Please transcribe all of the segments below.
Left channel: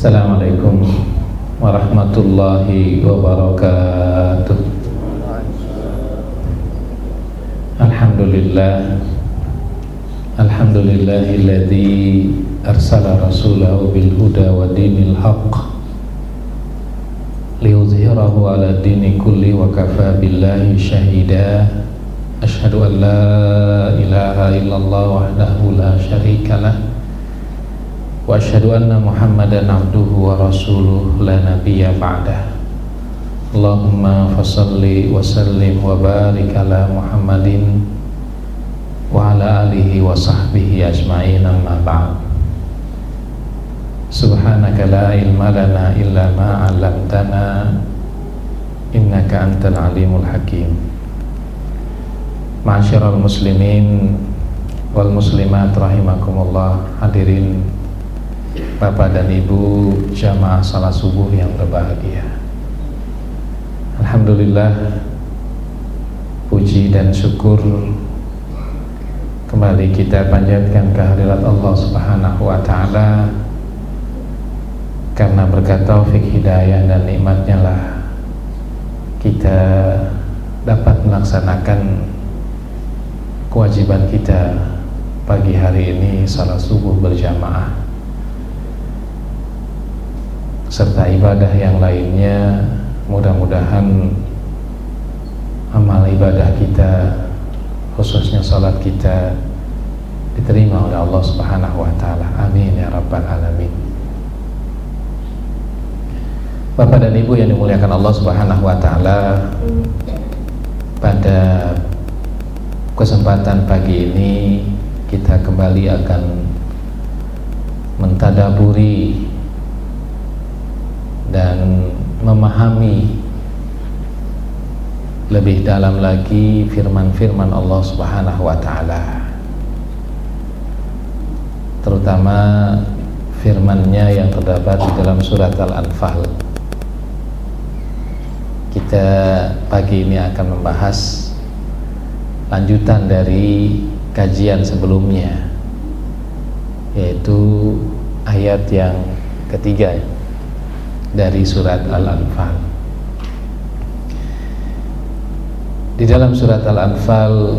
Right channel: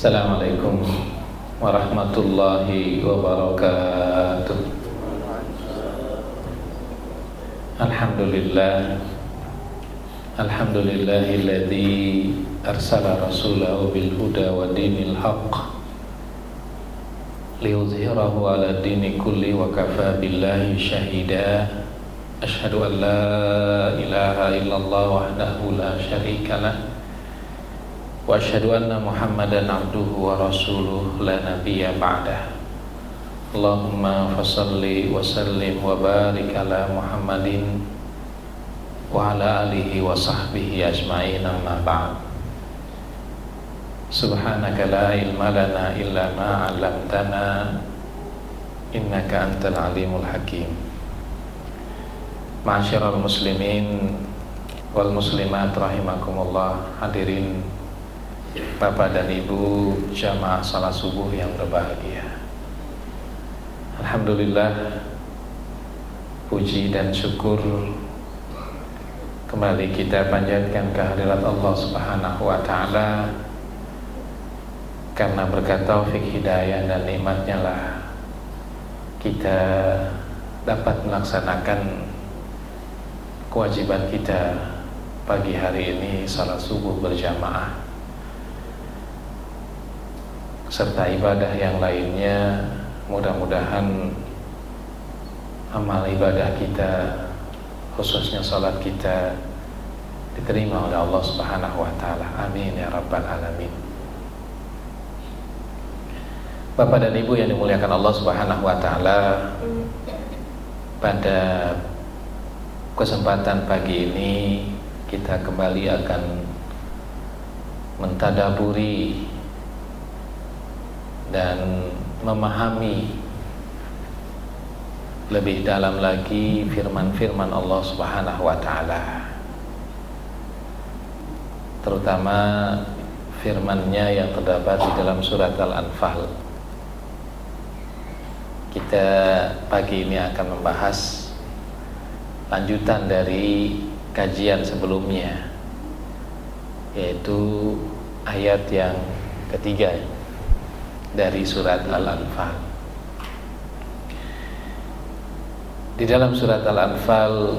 Assalamualaikum warahmatullahi wabarakatuh. Alhamdulillah, alhamdulillahilladzi arsala rasulahu bil huda wa dinil haqq liyuzhirahu ala dini kulli wa kafa billahi syahida. Asyhadu an la ilaha illallah wahdahu la syarikalah wa asyhadu anna Muhammadan abduhu wa rasuluh la nabiyya ba'dah. Allahumma fassalli wa sallim wa barik ala Muhammadin wa ala alihi wa sahbihi ajma'in, amma ba'd. Subhanaka la ilma lana illa ma 'allamtana innaka antal alimul hakim. Ma'asyiral muslimin wal muslimat rahimakumullah, hadirin Bapak dan Ibu jamaah salat subuh yang berbahagia. Alhamdulillah, puji dan syukur kembali kita panjatkan kehadirat Allah Subhanahu wa ta'ala, karena berkat taufik hidayah dan nikmatnya lah kita dapat melaksanakan kewajiban kita pagi hari ini, salat subuh berjamaah serta ibadah yang lainnya. Mudah-mudahan amal ibadah kita, khususnya salat kita, diterima oleh Allah Subhanahu wa ta'ala. Amin ya rabbal alamin. Bapak dan Ibu yang dimuliakan Allah Subhanahu wa ta'ala, pada kesempatan pagi ini kita kembali akan mentadaburi dan memahami lebih dalam lagi firman-firman Allah Subhanahu wa ta'ala, terutama firman-Nya yang terdapat di dalam surat Al-Anfal. Kita pagi ini akan membahas lanjutan dari kajian sebelumnya, yaitu ayat yang ketiga dari surat Al-Anfal. Di dalam surat Al-Anfal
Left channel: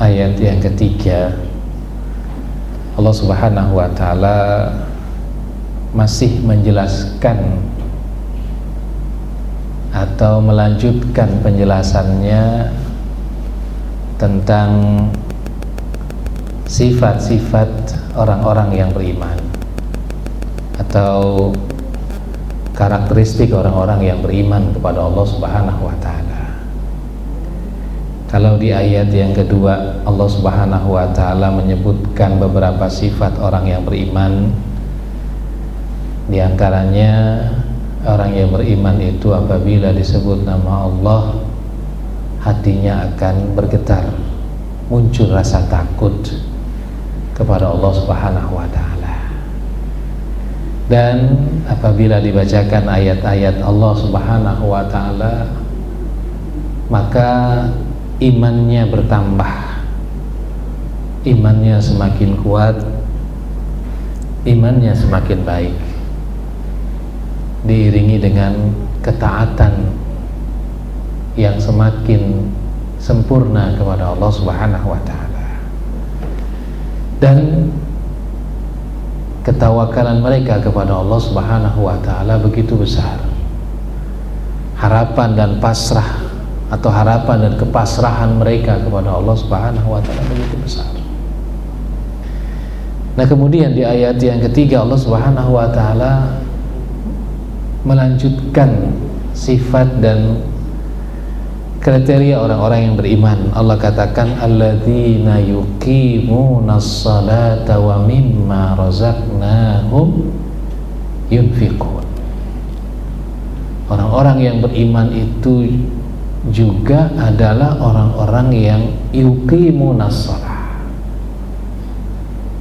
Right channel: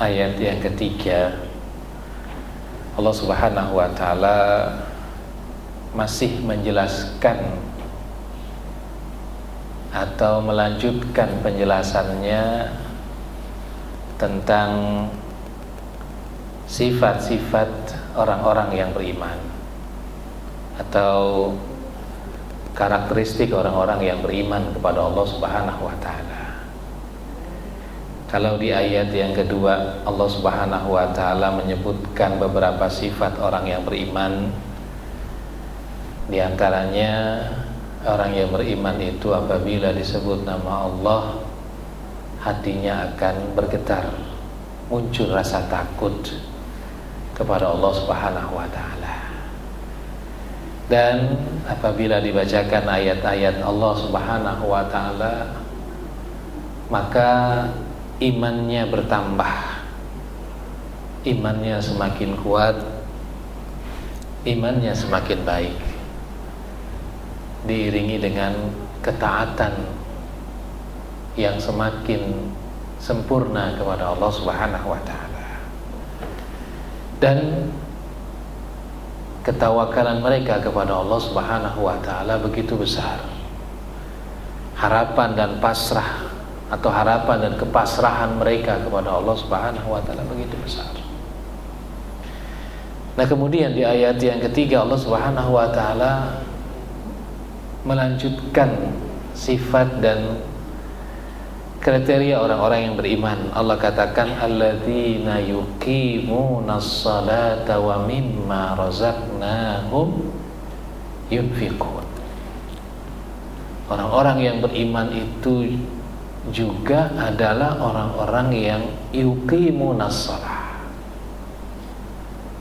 ayat yang ketiga, Allah Subhanahu wa ta'ala masih menjelaskan atau melanjutkan penjelasannya tentang sifat-sifat orang-orang yang beriman, atau karakteristik orang-orang yang beriman kepada Allah Subhanahu wa ta'ala. Kalau di ayat yang kedua Allah Subhanahu wa ta'ala menyebutkan beberapa sifat orang yang beriman, di antaranya orang yang beriman itu apabila disebut nama Allah, hatinya akan bergetar, muncul rasa takut kepada Allah Subhanahu wa ta'ala. Dan apabila dibacakan ayat-ayat Allah Subhanahu wa ta'ala, maka imannya bertambah, imannya semakin kuat, imannya semakin baik, diiringi dengan ketaatan yang semakin sempurna kepada Allah Subhanahu wa ta'ala, dan ketawakalan mereka kepada Allah Subhanahu wa ta'ala begitu besar. Harapan dan pasrah, atau harapan dan kepasrahan mereka kepada Allah Subhanahu wa ta'ala begitu besar. Nah, kemudian di ayat yang ketiga Allah Subhanahu wa ta'ala melanjutkan sifat dan kriteria orang-orang yang beriman. Allah katakan alladzina yuqimunas salata wa mimma razaqnahum yunfiqun. Orang-orang yang beriman itu juga adalah orang-orang yang yuqimunas shalah,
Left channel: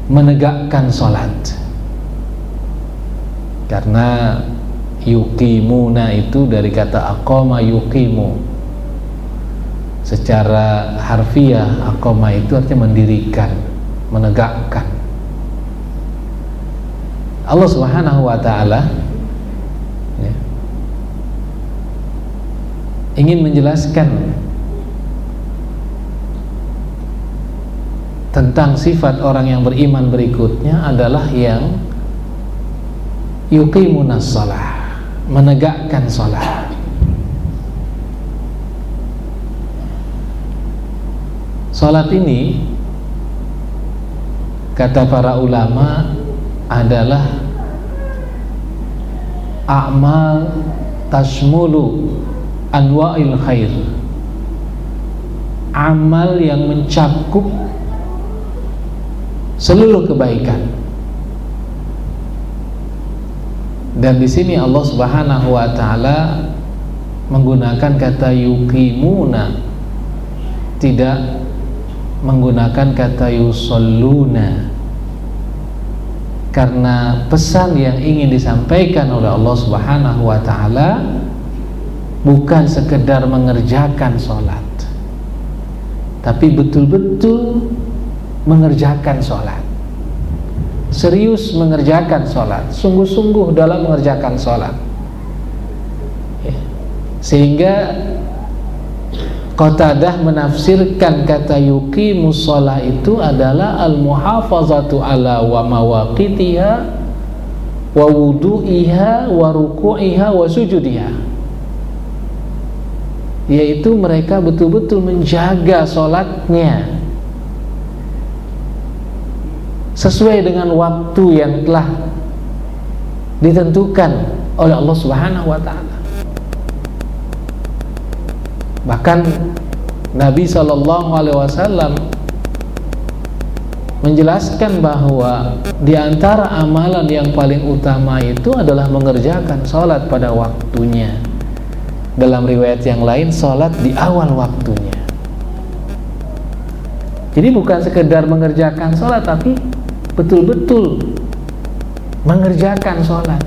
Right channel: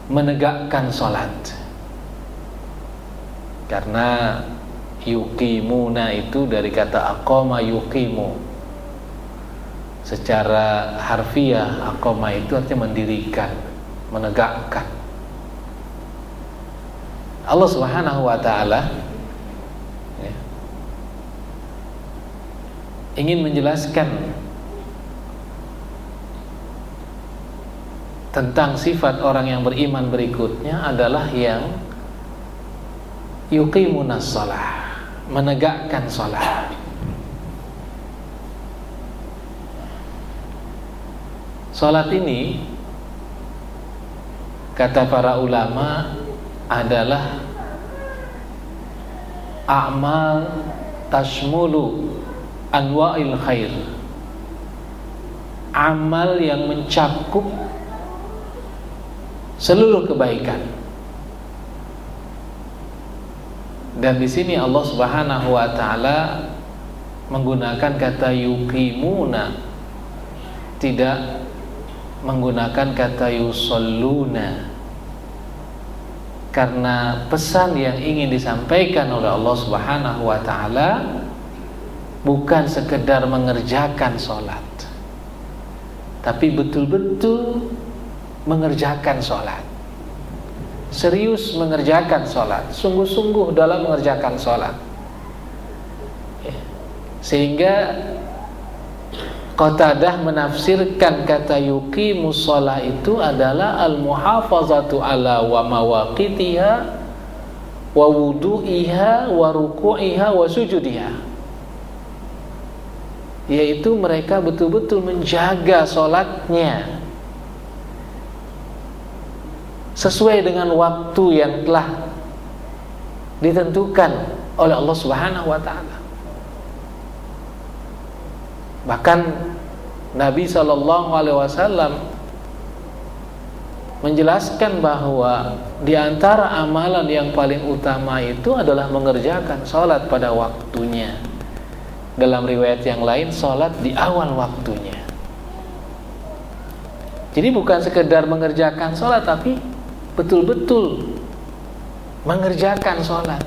menegakkan salat. Karena yuqimuna itu dari kata aqama yuqimu. Secara harfiah aqama itu artinya mendirikan, menegakkan. Allah Subhanahu wa taala ya, ingin menjelaskan tentang sifat orang yang beriman berikutnya adalah yang yuqimunas shalah, menegakkan shalah. Salat ini kata para ulama adalah a'mal tashmulu anwa'il khair, amal yang mencakup seluruh kebaikan. Dan di sini Allah Subhanahu wa taala menggunakan kata yuqimuna, tidak menggunakan kata yusalluna, karena pesan yang ingin disampaikan oleh Allah Subhanahu wa taala bukan sekedar mengerjakan sholat, tapi betul-betul mengerjakan sholat, serius mengerjakan sholat, sungguh-sungguh dalam mengerjakan sholat ya. Sehingga Qatadah menafsirkan kata yuqimus shalah itu adalah al-muhafazatu ala wa mawaqitiha wa wudu'iha wa ruku'iha wa sujudiha, yaitu mereka betul-betul menjaga sholatnya sesuai dengan waktu yang telah ditentukan oleh Allah Subhanahu wa taala. Bahkan Nabi SAW menjelaskan bahwa di antara amalan yang paling utama itu adalah mengerjakan sholat pada waktunya. Dalam riwayat yang lain, sholat di awal waktunya. Jadi bukan sekedar mengerjakan sholat, tapi betul-betul mengerjakan sholat,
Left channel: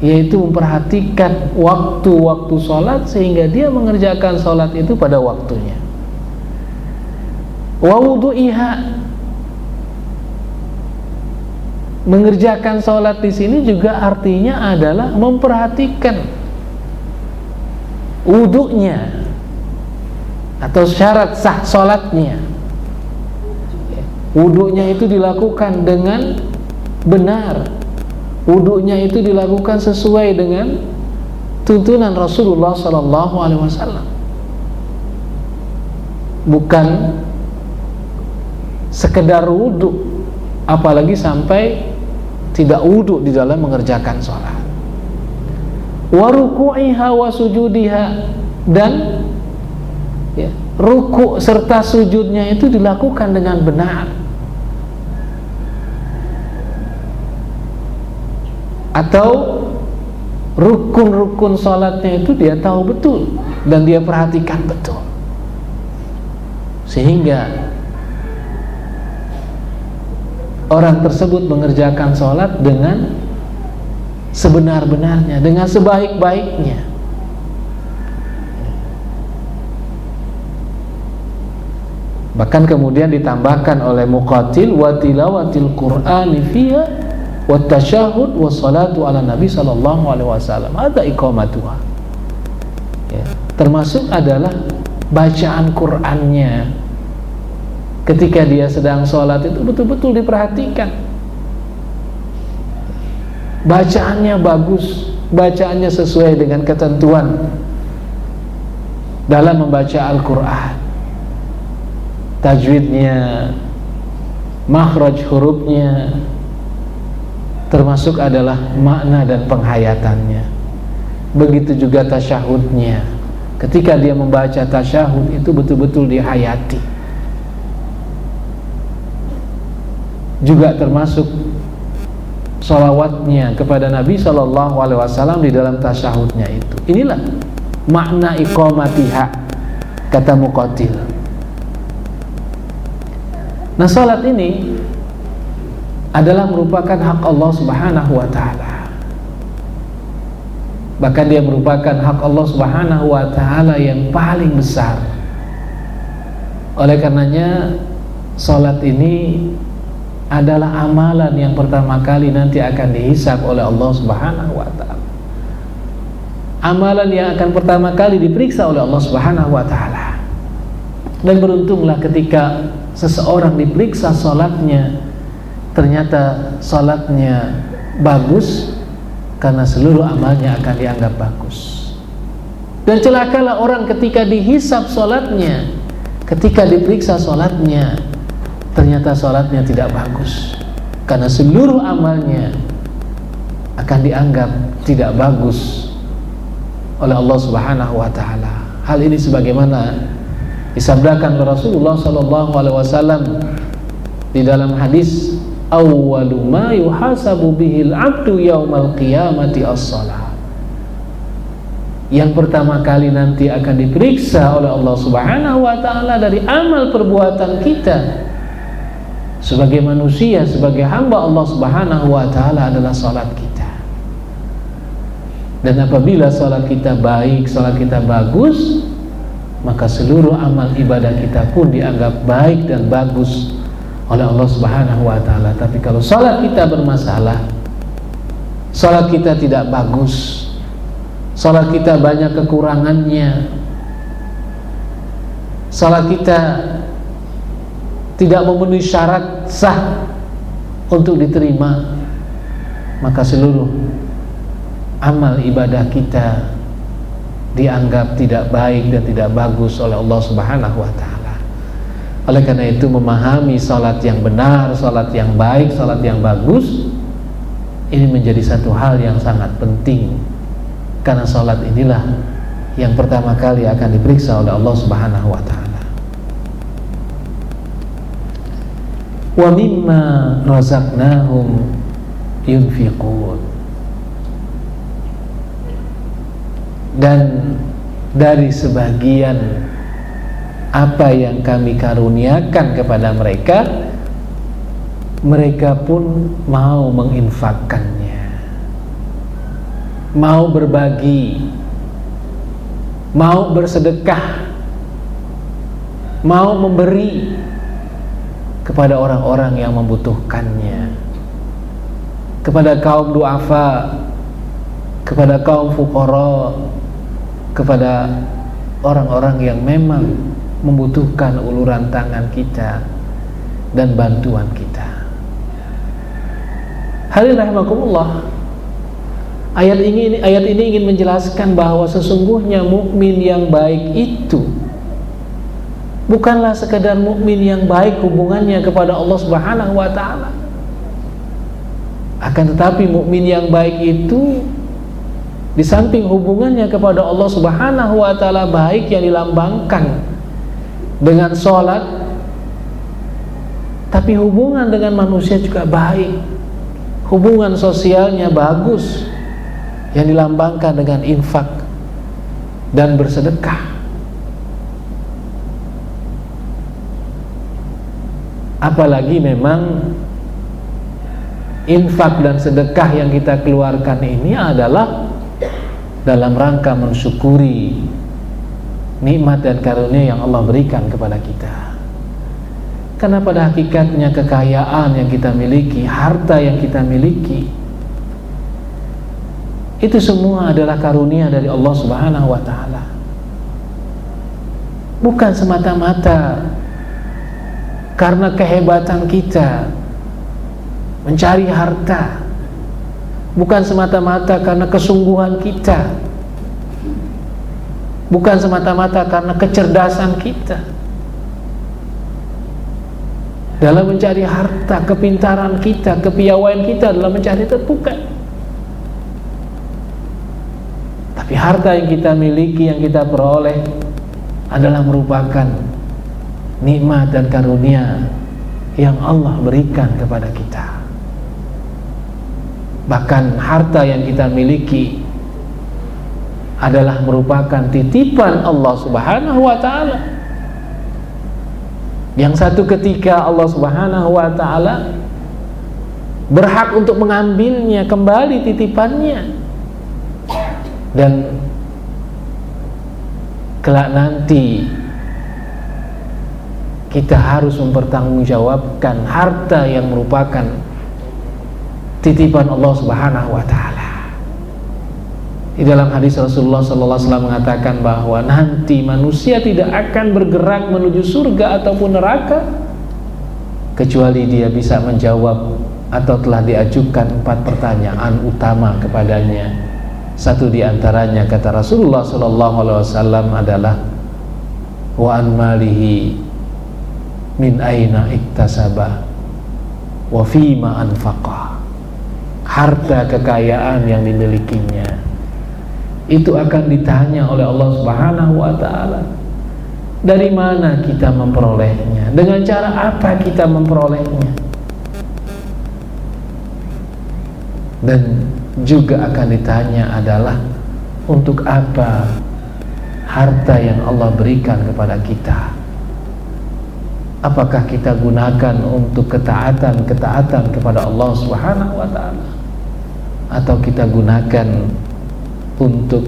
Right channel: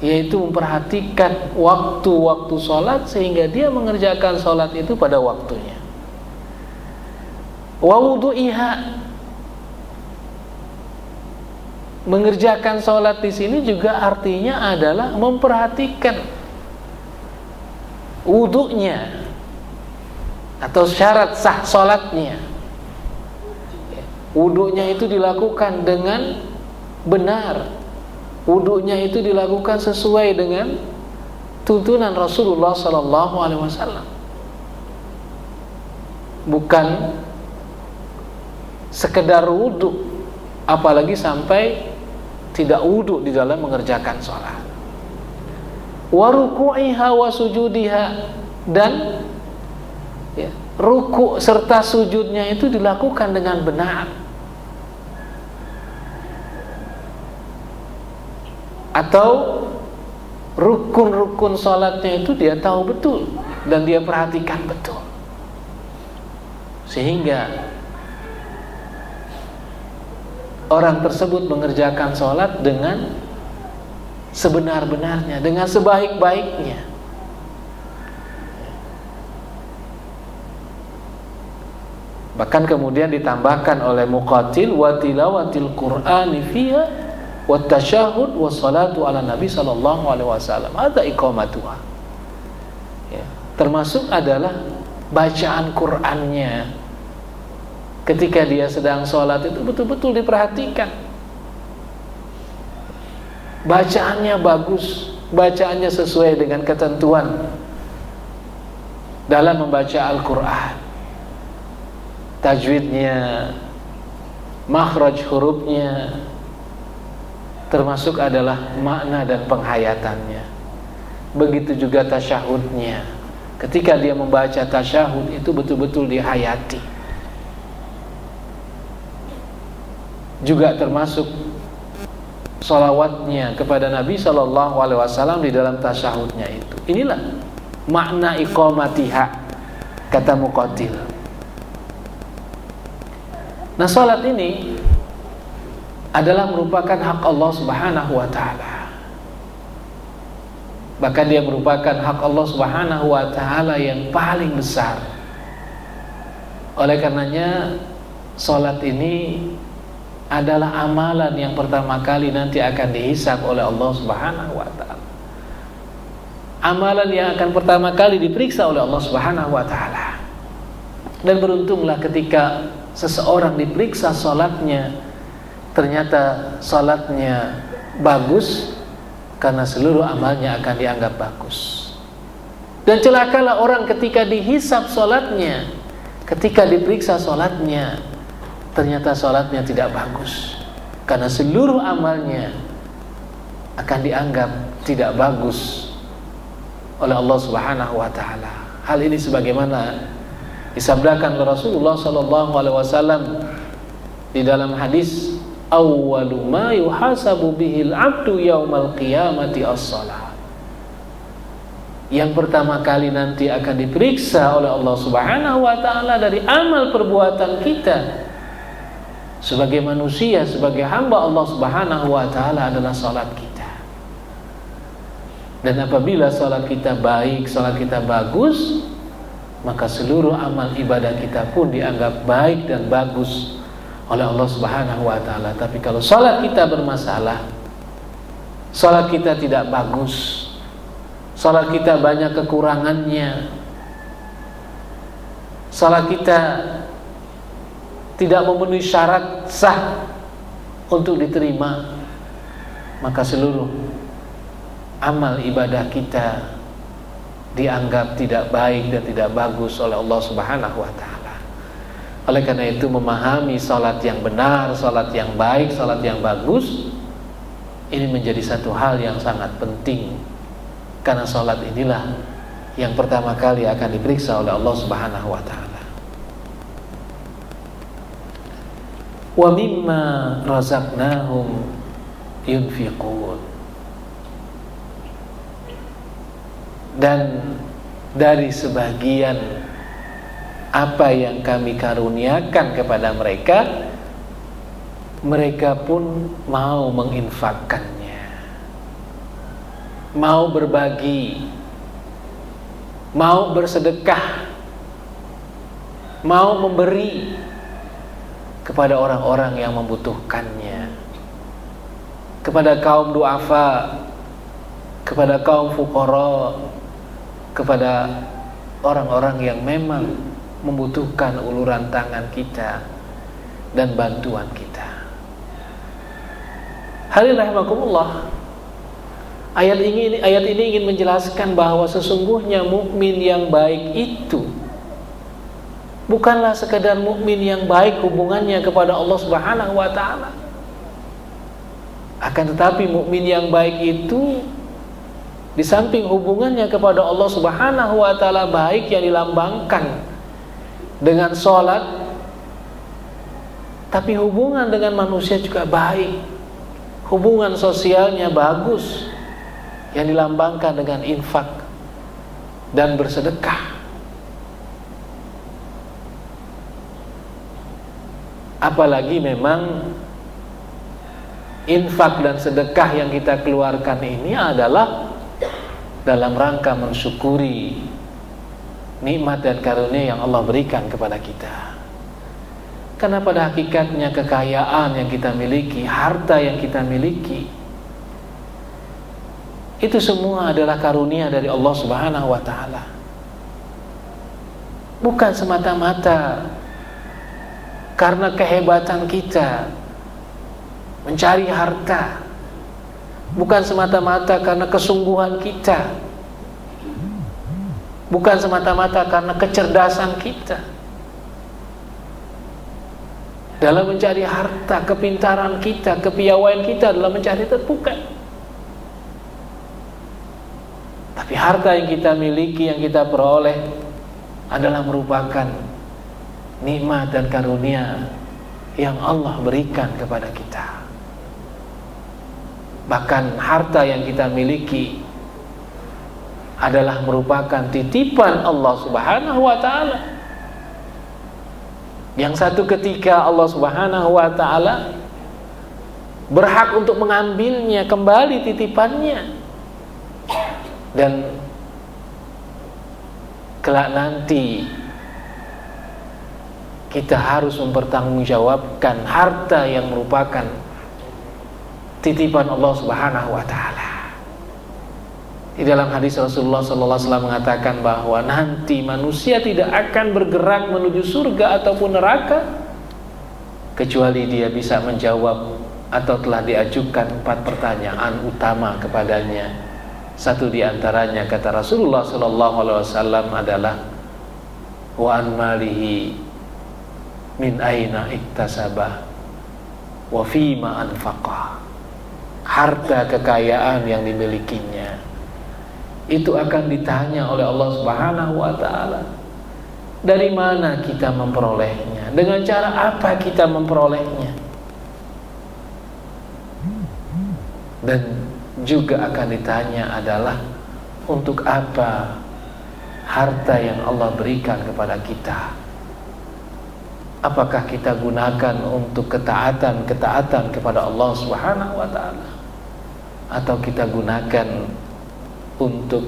yaitu memperhatikan waktu-waktu sholat sehingga dia mengerjakan sholat itu pada waktunya. Wa wudu'iha, mengerjakan sholat di sini juga artinya adalah memperhatikan wudunya atau syarat sah sholatnya. Wudunya itu dilakukan dengan benar, wudunya itu dilakukan sesuai dengan tuntunan Rasulullah SAW, bukan sekedar wudu, apalagi sampai tidak wudu di dalam mengerjakan sholat. Wa ruku'iha wa sujudiha, dan ya, ruku serta sujudnya itu dilakukan dengan benar, atau rukun-rukun sholatnya itu dia tahu betul dan dia perhatikan betul, sehingga orang tersebut mengerjakan sholat dengan sebenar-benarnya, dengan sebaik-baiknya. Bahkan kemudian ditambahkan oleh Muqatil, wa tilawatil Qur'ani fiha wa tasyahud wa salatu ala Nabi sallallahu alaihi wasallam, ada iqamatuha ya, termasuk adalah bacaan Qur'annya ketika dia sedang sholat itu betul-betul diperhatikan, bacaannya bagus, bacaannya sesuai dengan ketentuan dalam membaca Al-Quran, tajwidnya, makhraj hurufnya, termasuk adalah makna dan penghayatannya. Begitu juga tasyahudnya, ketika dia membaca tasyahud itu betul-betul dihayati. Juga termasuk sholawatnya kepada Nabi SAW di dalam tasyahudnya itu. Inilah makna iqamatiha, kata Muqatil. Nah, salat ini adalah merupakan hak Allah Subhanahu wa taala. Bahkan dia merupakan hak Allah Subhanahu wa taala yang paling besar. Oleh karenanya salat ini adalah amalan yang pertama kali nanti akan dihisab oleh Allah Subhanahu wa taala. Amalan yang akan pertama kali diperiksa oleh Allah Subhanahu wa taala. Dan beruntunglah ketika seseorang diperiksa salatnya, ternyata salatnya bagus, karena seluruh amalnya akan dianggap bagus. Dan celakalah orang ketika dihisab salatnya, ketika diperiksa salatnya, ternyata salatnya tidak bagus, karena seluruh amalnya akan dianggap tidak bagus oleh Allah Subhanahu wa taala. Hal ini sebagaimana disabdakan oleh Rasulullah sallallahu alaihi wasallam di dalam hadis, awwalu ma yuhasabu bihil 'abdu yaumal qiyamati as-shalah. Yang pertama kali nanti akan diperiksa oleh Allah Subhanahu wa taala dari amal perbuatan kita sebagai manusia, sebagai hamba Allah Subhanahu wa taala adalah salat kita. Dan apabila salat kita baik, salat kita bagus, maka seluruh amal ibadah kita pun dianggap baik dan bagus oleh Allah Subhanahu wa taala. Tapi kalau salat kita bermasalah, salat kita tidak bagus, salat kita banyak kekurangannya, salat kita tidak memenuhi syarat sah untuk diterima, maka seluruh amal ibadah kita dianggap tidak baik dan tidak bagus oleh Allah Subhanahu wa taala. Oleh karena itu, memahami salat yang benar, salat yang baik, salat yang bagus, ini menjadi satu hal yang sangat penting, karena salat inilah yang pertama kali akan diperiksa oleh Allah Subhanahu wa taala. Wa mimma razaqnahum yunfiqun. Dan dari sebagian apa yang kami karuniakan kepada mereka, mereka pun mau menginfakkannya, mau berbagi, mau bersedekah, mau memberi kepada orang-orang yang membutuhkannya, kepada kaum du'afa, kepada kaum fuqara, kepada orang-orang yang memang membutuhkan uluran tangan kita dan bantuan kita. Hadirin rahimakumullah, ayat ini ingin menjelaskan bahwa sesungguhnya mukmin yang baik itu bukanlah sekadar mukmin yang baik hubungannya kepada Allah Subhanahu wa taala. Akan tetapi mukmin yang baik itu di samping hubungannya kepada Allah Subhanahu wa taala baik yang dilambangkan dengan sholat, tapi hubungan dengan manusia juga baik. Hubungan sosialnya bagus yang dilambangkan dengan infak dan bersedekah. Apalagi memang infak dan sedekah yang kita keluarkan ini adalah dalam rangka mensyukuri nikmat dan karunia yang Allah berikan kepada kita. Karena pada hakikatnya kekayaan yang kita miliki, harta yang kita miliki, itu semua adalah karunia dari Allah Subhanahu wa taala. Bukan semata-mata karena kehebatan kita mencari harta, bukan semata-mata karena kesungguhan kita, bukan semata-mata karena kecerdasan kita dalam mencari harta, kepintaran kita, kepiawaian kita dalam mencari itu, bukan. Tapi harta yang kita miliki, yang kita peroleh adalah merupakan nikmat dan karunia yang Allah berikan kepada kita. Bahkan harta yang kita miliki adalah merupakan titipan Allah Subhanahu wa taala, yang satu ketika Allah Subhanahu wa taala berhak untuk mengambilnya kembali titipannya, dan kelak nanti kita harus mempertanggungjawabkan harta yang merupakan titipan Allah Subhanahu wa taala. Di dalam hadis Rasulullah sallallahu alaihi wasallam mengatakan bahwa nanti manusia tidak akan bergerak menuju surga ataupun neraka kecuali dia bisa menjawab atau telah diajukan 4 pertanyaan utama kepadanya. Satu di antaranya, kata Rasulullah sallallahu alaihi wasallam, adalah wa an malihi min aina iktasabah wa fima anfaqah. Harta kekayaan yang dimilikinya itu akan ditanya oleh Allah Subhanahu wa taala. Dari mana kita memperolehnya? Dengan cara apa kita memperolehnya? Dan juga akan ditanya adalah untuk apa harta yang Allah berikan kepada kita? Apakah kita gunakan untuk ketaatan kepada Allah Subhanahu wa taala, atau kita gunakan untuk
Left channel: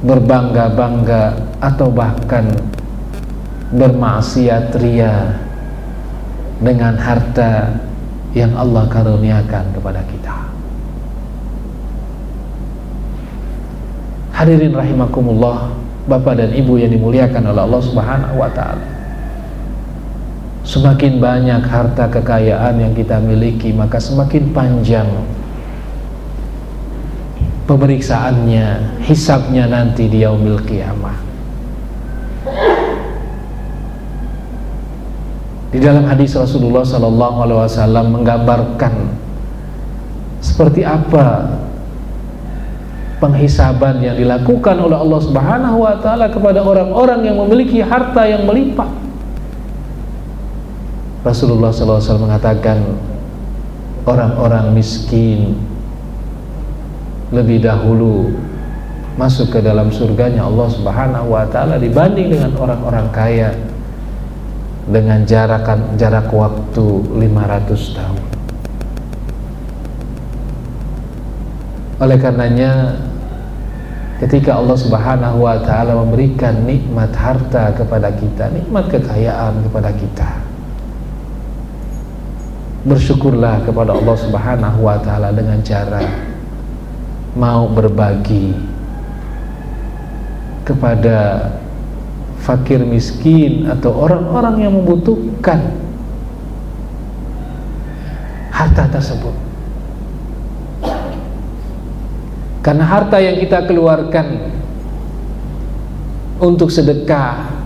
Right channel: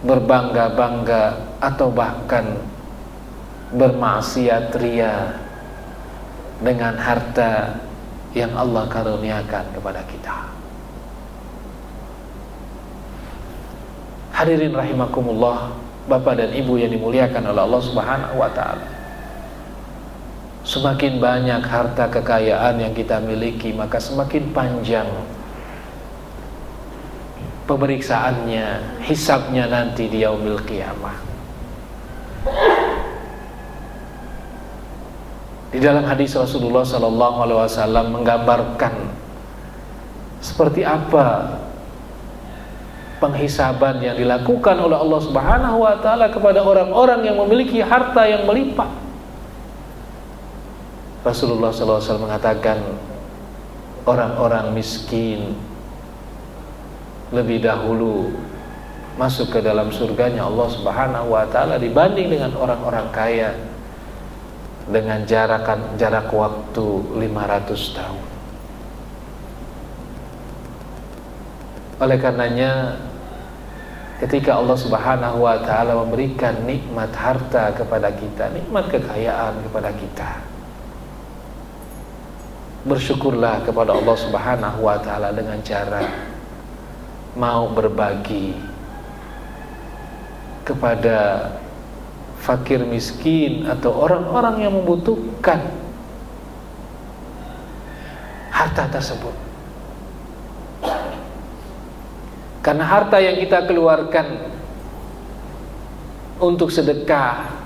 berbangga-bangga atau bahkan bermaksiat ria dengan harta yang Allah karuniakan kepada kita? Hadirin rahimakumullah, Bapak dan Ibu yang dimuliakan oleh Allah Subhanahu wa taala. Semakin banyak harta kekayaan yang kita miliki, maka semakin panjang pemeriksaannya, hisabnya nanti di yaumil qiyamah. Di dalam hadis Rasulullah sallallahu alaihi wasallam menggambarkan seperti apa penghisaban yang dilakukan oleh Allah Subhanahu wa taala kepada orang-orang yang memiliki harta yang melimpah. Rasulullah sallallahu alaihi wasallam mengatakan, orang-orang miskin lebih dahulu masuk ke dalam surganya Allah Subhanahu wa taala dibanding dengan orang-orang kaya dengan jarak waktu 500 tahun. Oleh karenanya, ketika Allah Subhanahu wa taala memberikan nikmat harta kepada kita, nikmat kekayaan kepada kita, bersyukurlah kepada Allah Subhanahu wa taala dengan cara mau berbagi kepada fakir miskin atau orang-orang yang membutuhkan harta tersebut. Karena harta yang kita keluarkan untuk sedekah,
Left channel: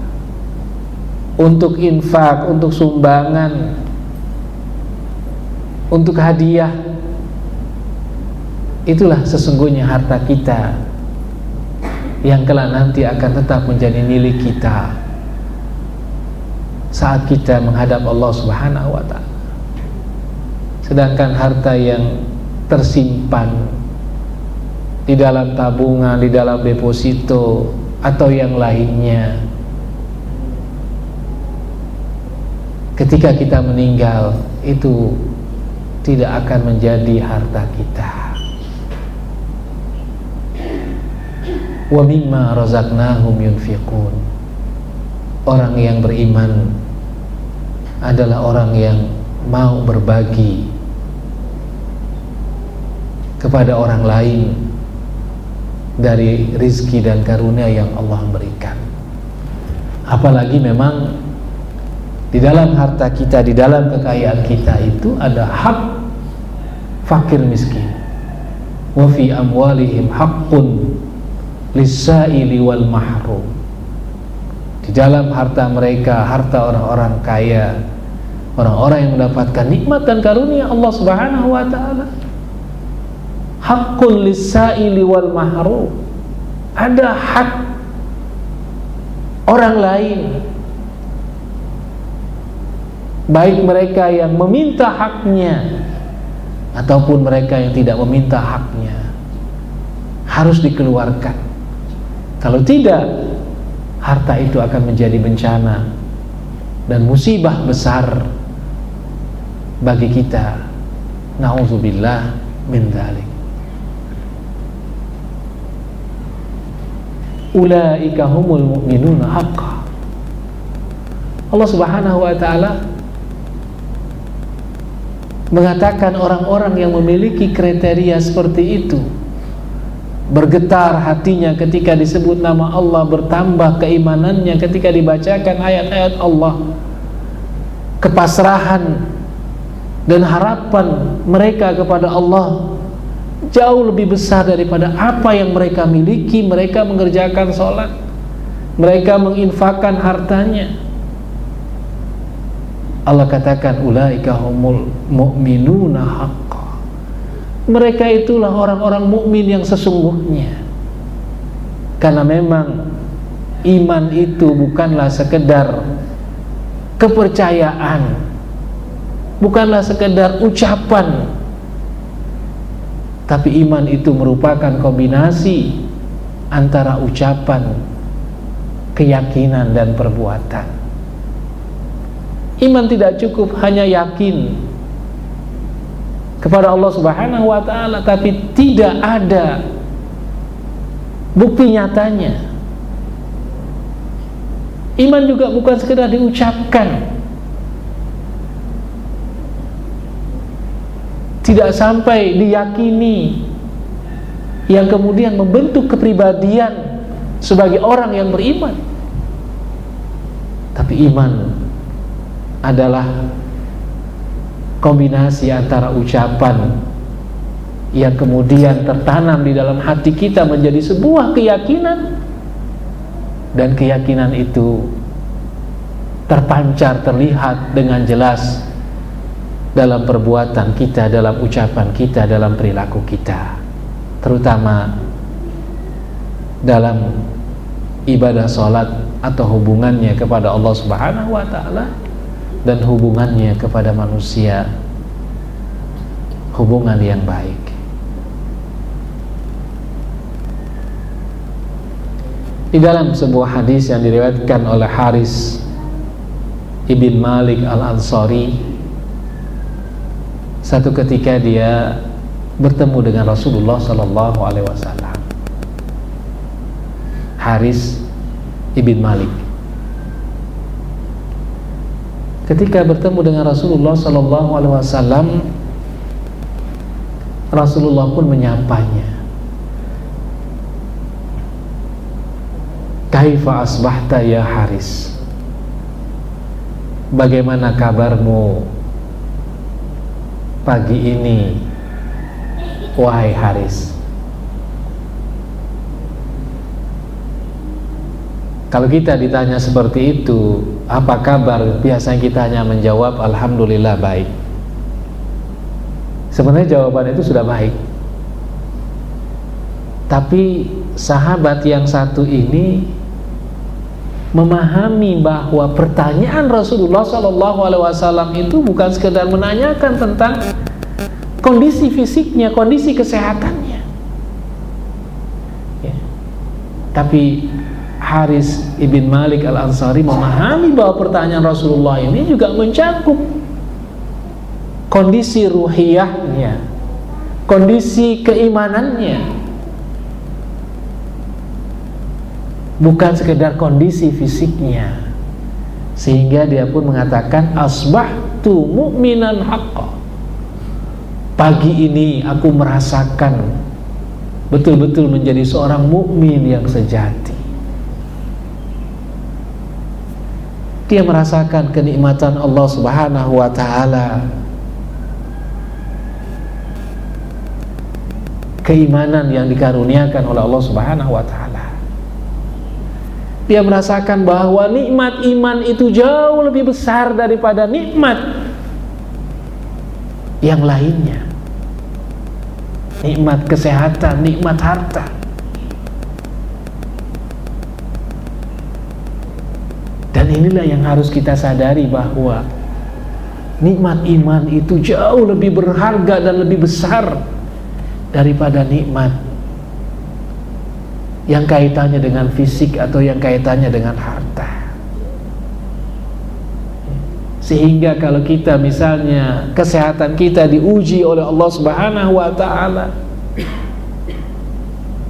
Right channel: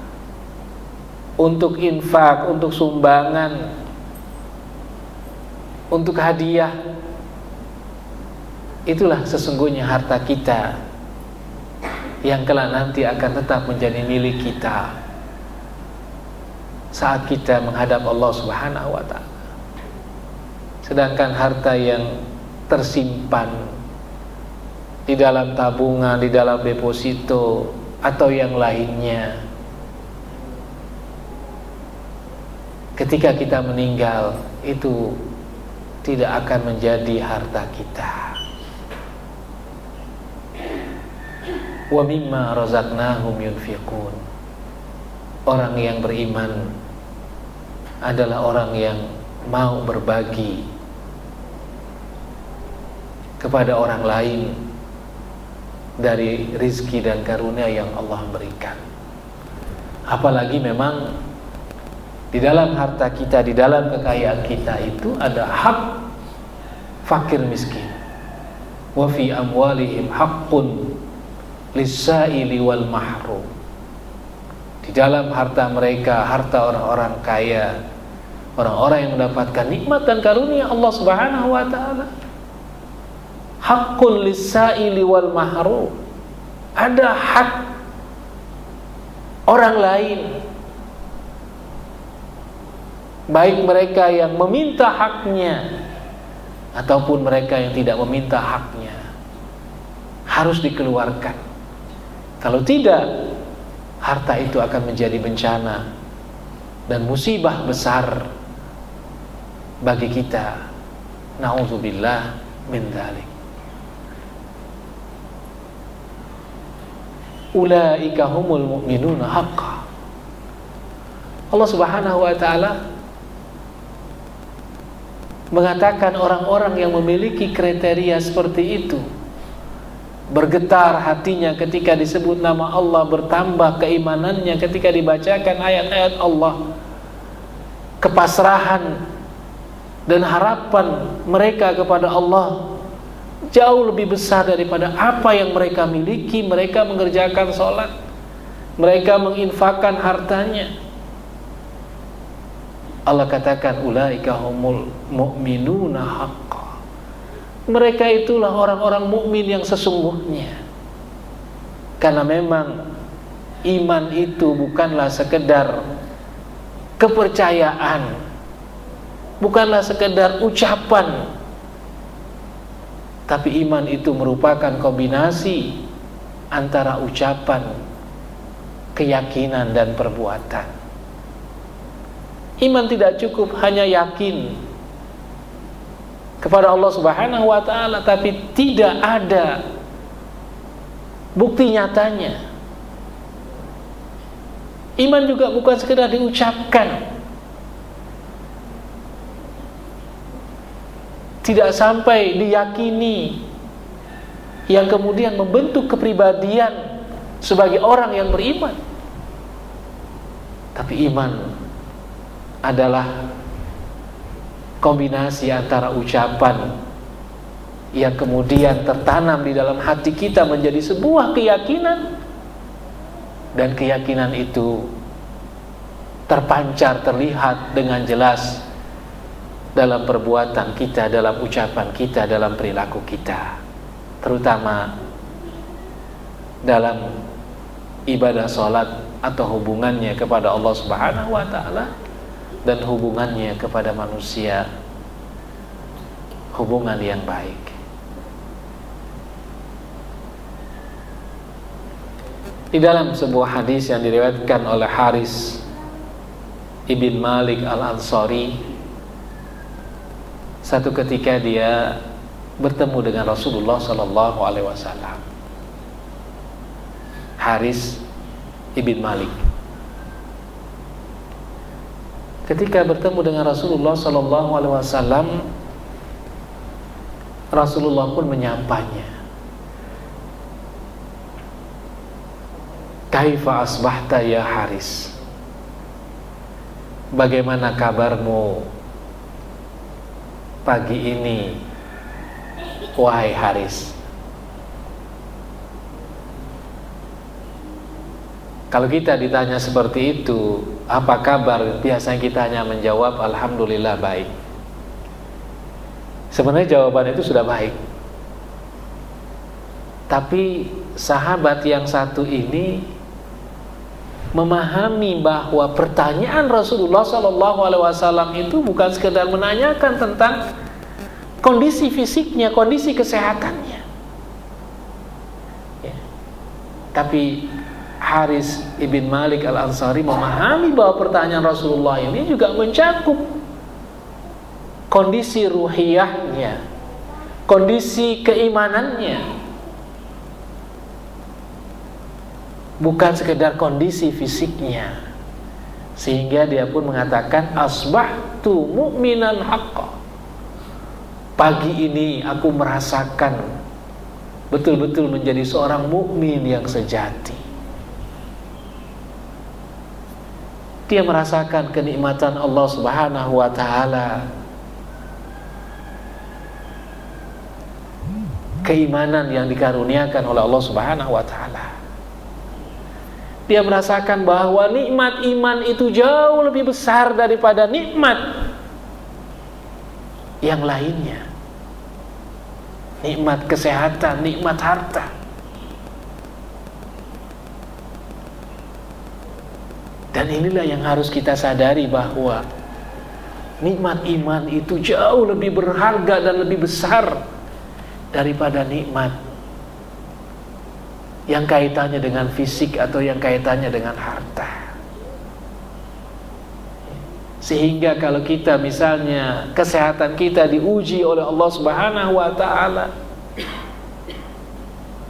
untuk infak, untuk sumbangan, untuk hadiah, itulah sesungguhnya harta kita yang kelak nanti akan tetap menjadi milik kita saat kita menghadap Allah Subhanahu wa taala. Sedangkan harta yang tersimpan di dalam tabungan, di dalam deposito atau yang lainnya, ketika kita meninggal itu tidak akan menjadi harta kita. Wa mimma razaqnahum yunfiqun. Orang yang beriman adalah orang yang mau berbagi kepada orang lain dari rizki dan karunia yang Allah berikan. Apalagi memang di dalam harta kita, di dalam kekayaan kita itu ada hak fakir miskin. Wa fi amwalihim haqqun lis-sa'ili wal mahrum. Di dalam harta mereka, harta orang-orang kaya, orang-orang yang mendapatkan nikmat dan karunia Allah Subhanahu wa taala, haqqun lis-sa'ili wal mahrum. Ada hak orang lain, baik mereka yang meminta haknya ataupun mereka yang tidak meminta haknya, harus dikeluarkan. Kalau tidak, harta itu akan menjadi bencana dan musibah besar bagi kita. Na'udzubillah min dzalik. Ulaika humul mu'minuna haqqan. Allah Subhanahu wa ta'ala mengatakan orang-orang yang memiliki kriteria seperti itu bergetar hatinya ketika disebut nama Allah, bertambah keimanannya ketika dibacakan ayat-ayat Allah, kepasrahan dan harapan mereka kepada Allah jauh lebih besar daripada apa yang mereka miliki. Mereka mengerjakan sholat, mereka menginfakkan hartanya. Allah katakan ulaika humul mu'minuna haqqan, mereka itulah orang-orang mukmin yang sesungguhnya. Karena memang iman itu bukanlah sekedar kepercayaan, bukanlah sekedar ucapan, tapi iman itu merupakan kombinasi antara ucapan, keyakinan dan perbuatan. Iman tidak cukup hanya yakin kepada Allah Subhanahu wa ta'ala, tapi tidak ada bukti nyatanya. Iman juga bukan sekedar diucapkan, tidak sampai diyakini, yang kemudian membentuk kepribadian sebagai orang yang beriman. Tapi iman adalah kombinasi antara ucapan yang kemudian tertanam di dalam hati kita menjadi sebuah keyakinan, dan keyakinan itu terpancar, terlihat dengan jelas dalam perbuatan kita, dalam ucapan kita, dalam perilaku kita, terutama dalam ibadah sholat atau hubungannya kepada Allah Subhanahu wa ta'ala dan hubungannya kepada manusia, hubungan yang baik. Di dalam sebuah hadis yang diriwayatkan oleh Haris ibn Malik al-Ansari, satu ketika dia bertemu dengan Rasulullah sallallahu alaihi wasallam. Haris ibn Malik ketika bertemu dengan Rasulullah sallallahu alaihi wasallam, Rasulullah pun menyapanya. Kaifa asbahta ya Haris? Bagaimana kabarmu pagi ini, wahai Haris? Kalau kita ditanya seperti itu, apa kabar? Biasanya kita hanya menjawab alhamdulillah baik. Sebenarnya jawaban itu sudah baik. Tapi sahabat yang satu ini memahami bahwa pertanyaan Rasulullah SAW itu bukan sekedar menanyakan tentang kondisi fisiknya, kondisi kesehatannya, ya. Tapi Haris ibn Malik al-Ansari memahami bahwa pertanyaan Rasulullah ini juga mencakup kondisi ruhiyahnya, kondisi keimanannya, bukan sekedar kondisi fisiknya. Sehingga dia pun mengatakan asbahtu mu'minan haqqa, pagi ini aku merasakan betul-betul menjadi seorang mukmin yang sejati. Dia merasakan kenikmatan Allah Subhanahu wa ta'ala, keimanan yang dikaruniakan oleh Allah Subhanahu wa ta'ala. Dia merasakan bahwa nikmat iman itu jauh lebih besar daripada nikmat yang lainnya. Nikmat kesehatan, nikmat harta. Dan inilah yang harus kita sadari, bahwa nikmat iman itu jauh lebih berharga dan lebih besar daripada nikmat yang kaitannya dengan fisik atau yang kaitannya dengan harta. Sehingga kalau kita misalnya kesehatan kita diuji oleh Allah Subhanahu wa ta'ala,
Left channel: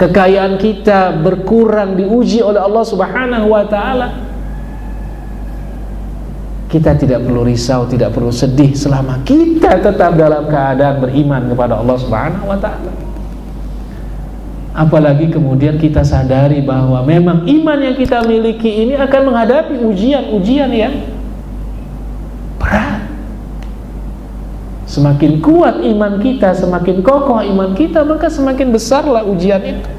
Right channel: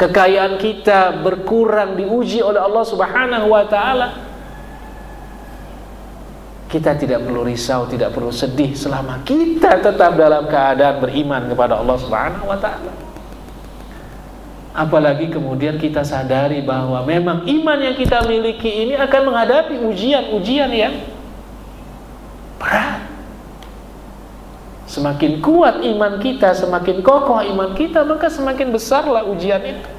kekayaan kita berkurang diuji oleh Allah Subhanahu wa ta'ala, kita tidak perlu risau, tidak perlu sedih selama kita tetap dalam keadaan beriman kepada Allah Subhanahu wa taala. Apalagi kemudian kita sadari bahwa memang iman yang kita miliki ini akan menghadapi ujian-ujian yang berat. Semakin kuat iman kita, semakin kokoh iman kita, maka semakin besarlah ujian itu.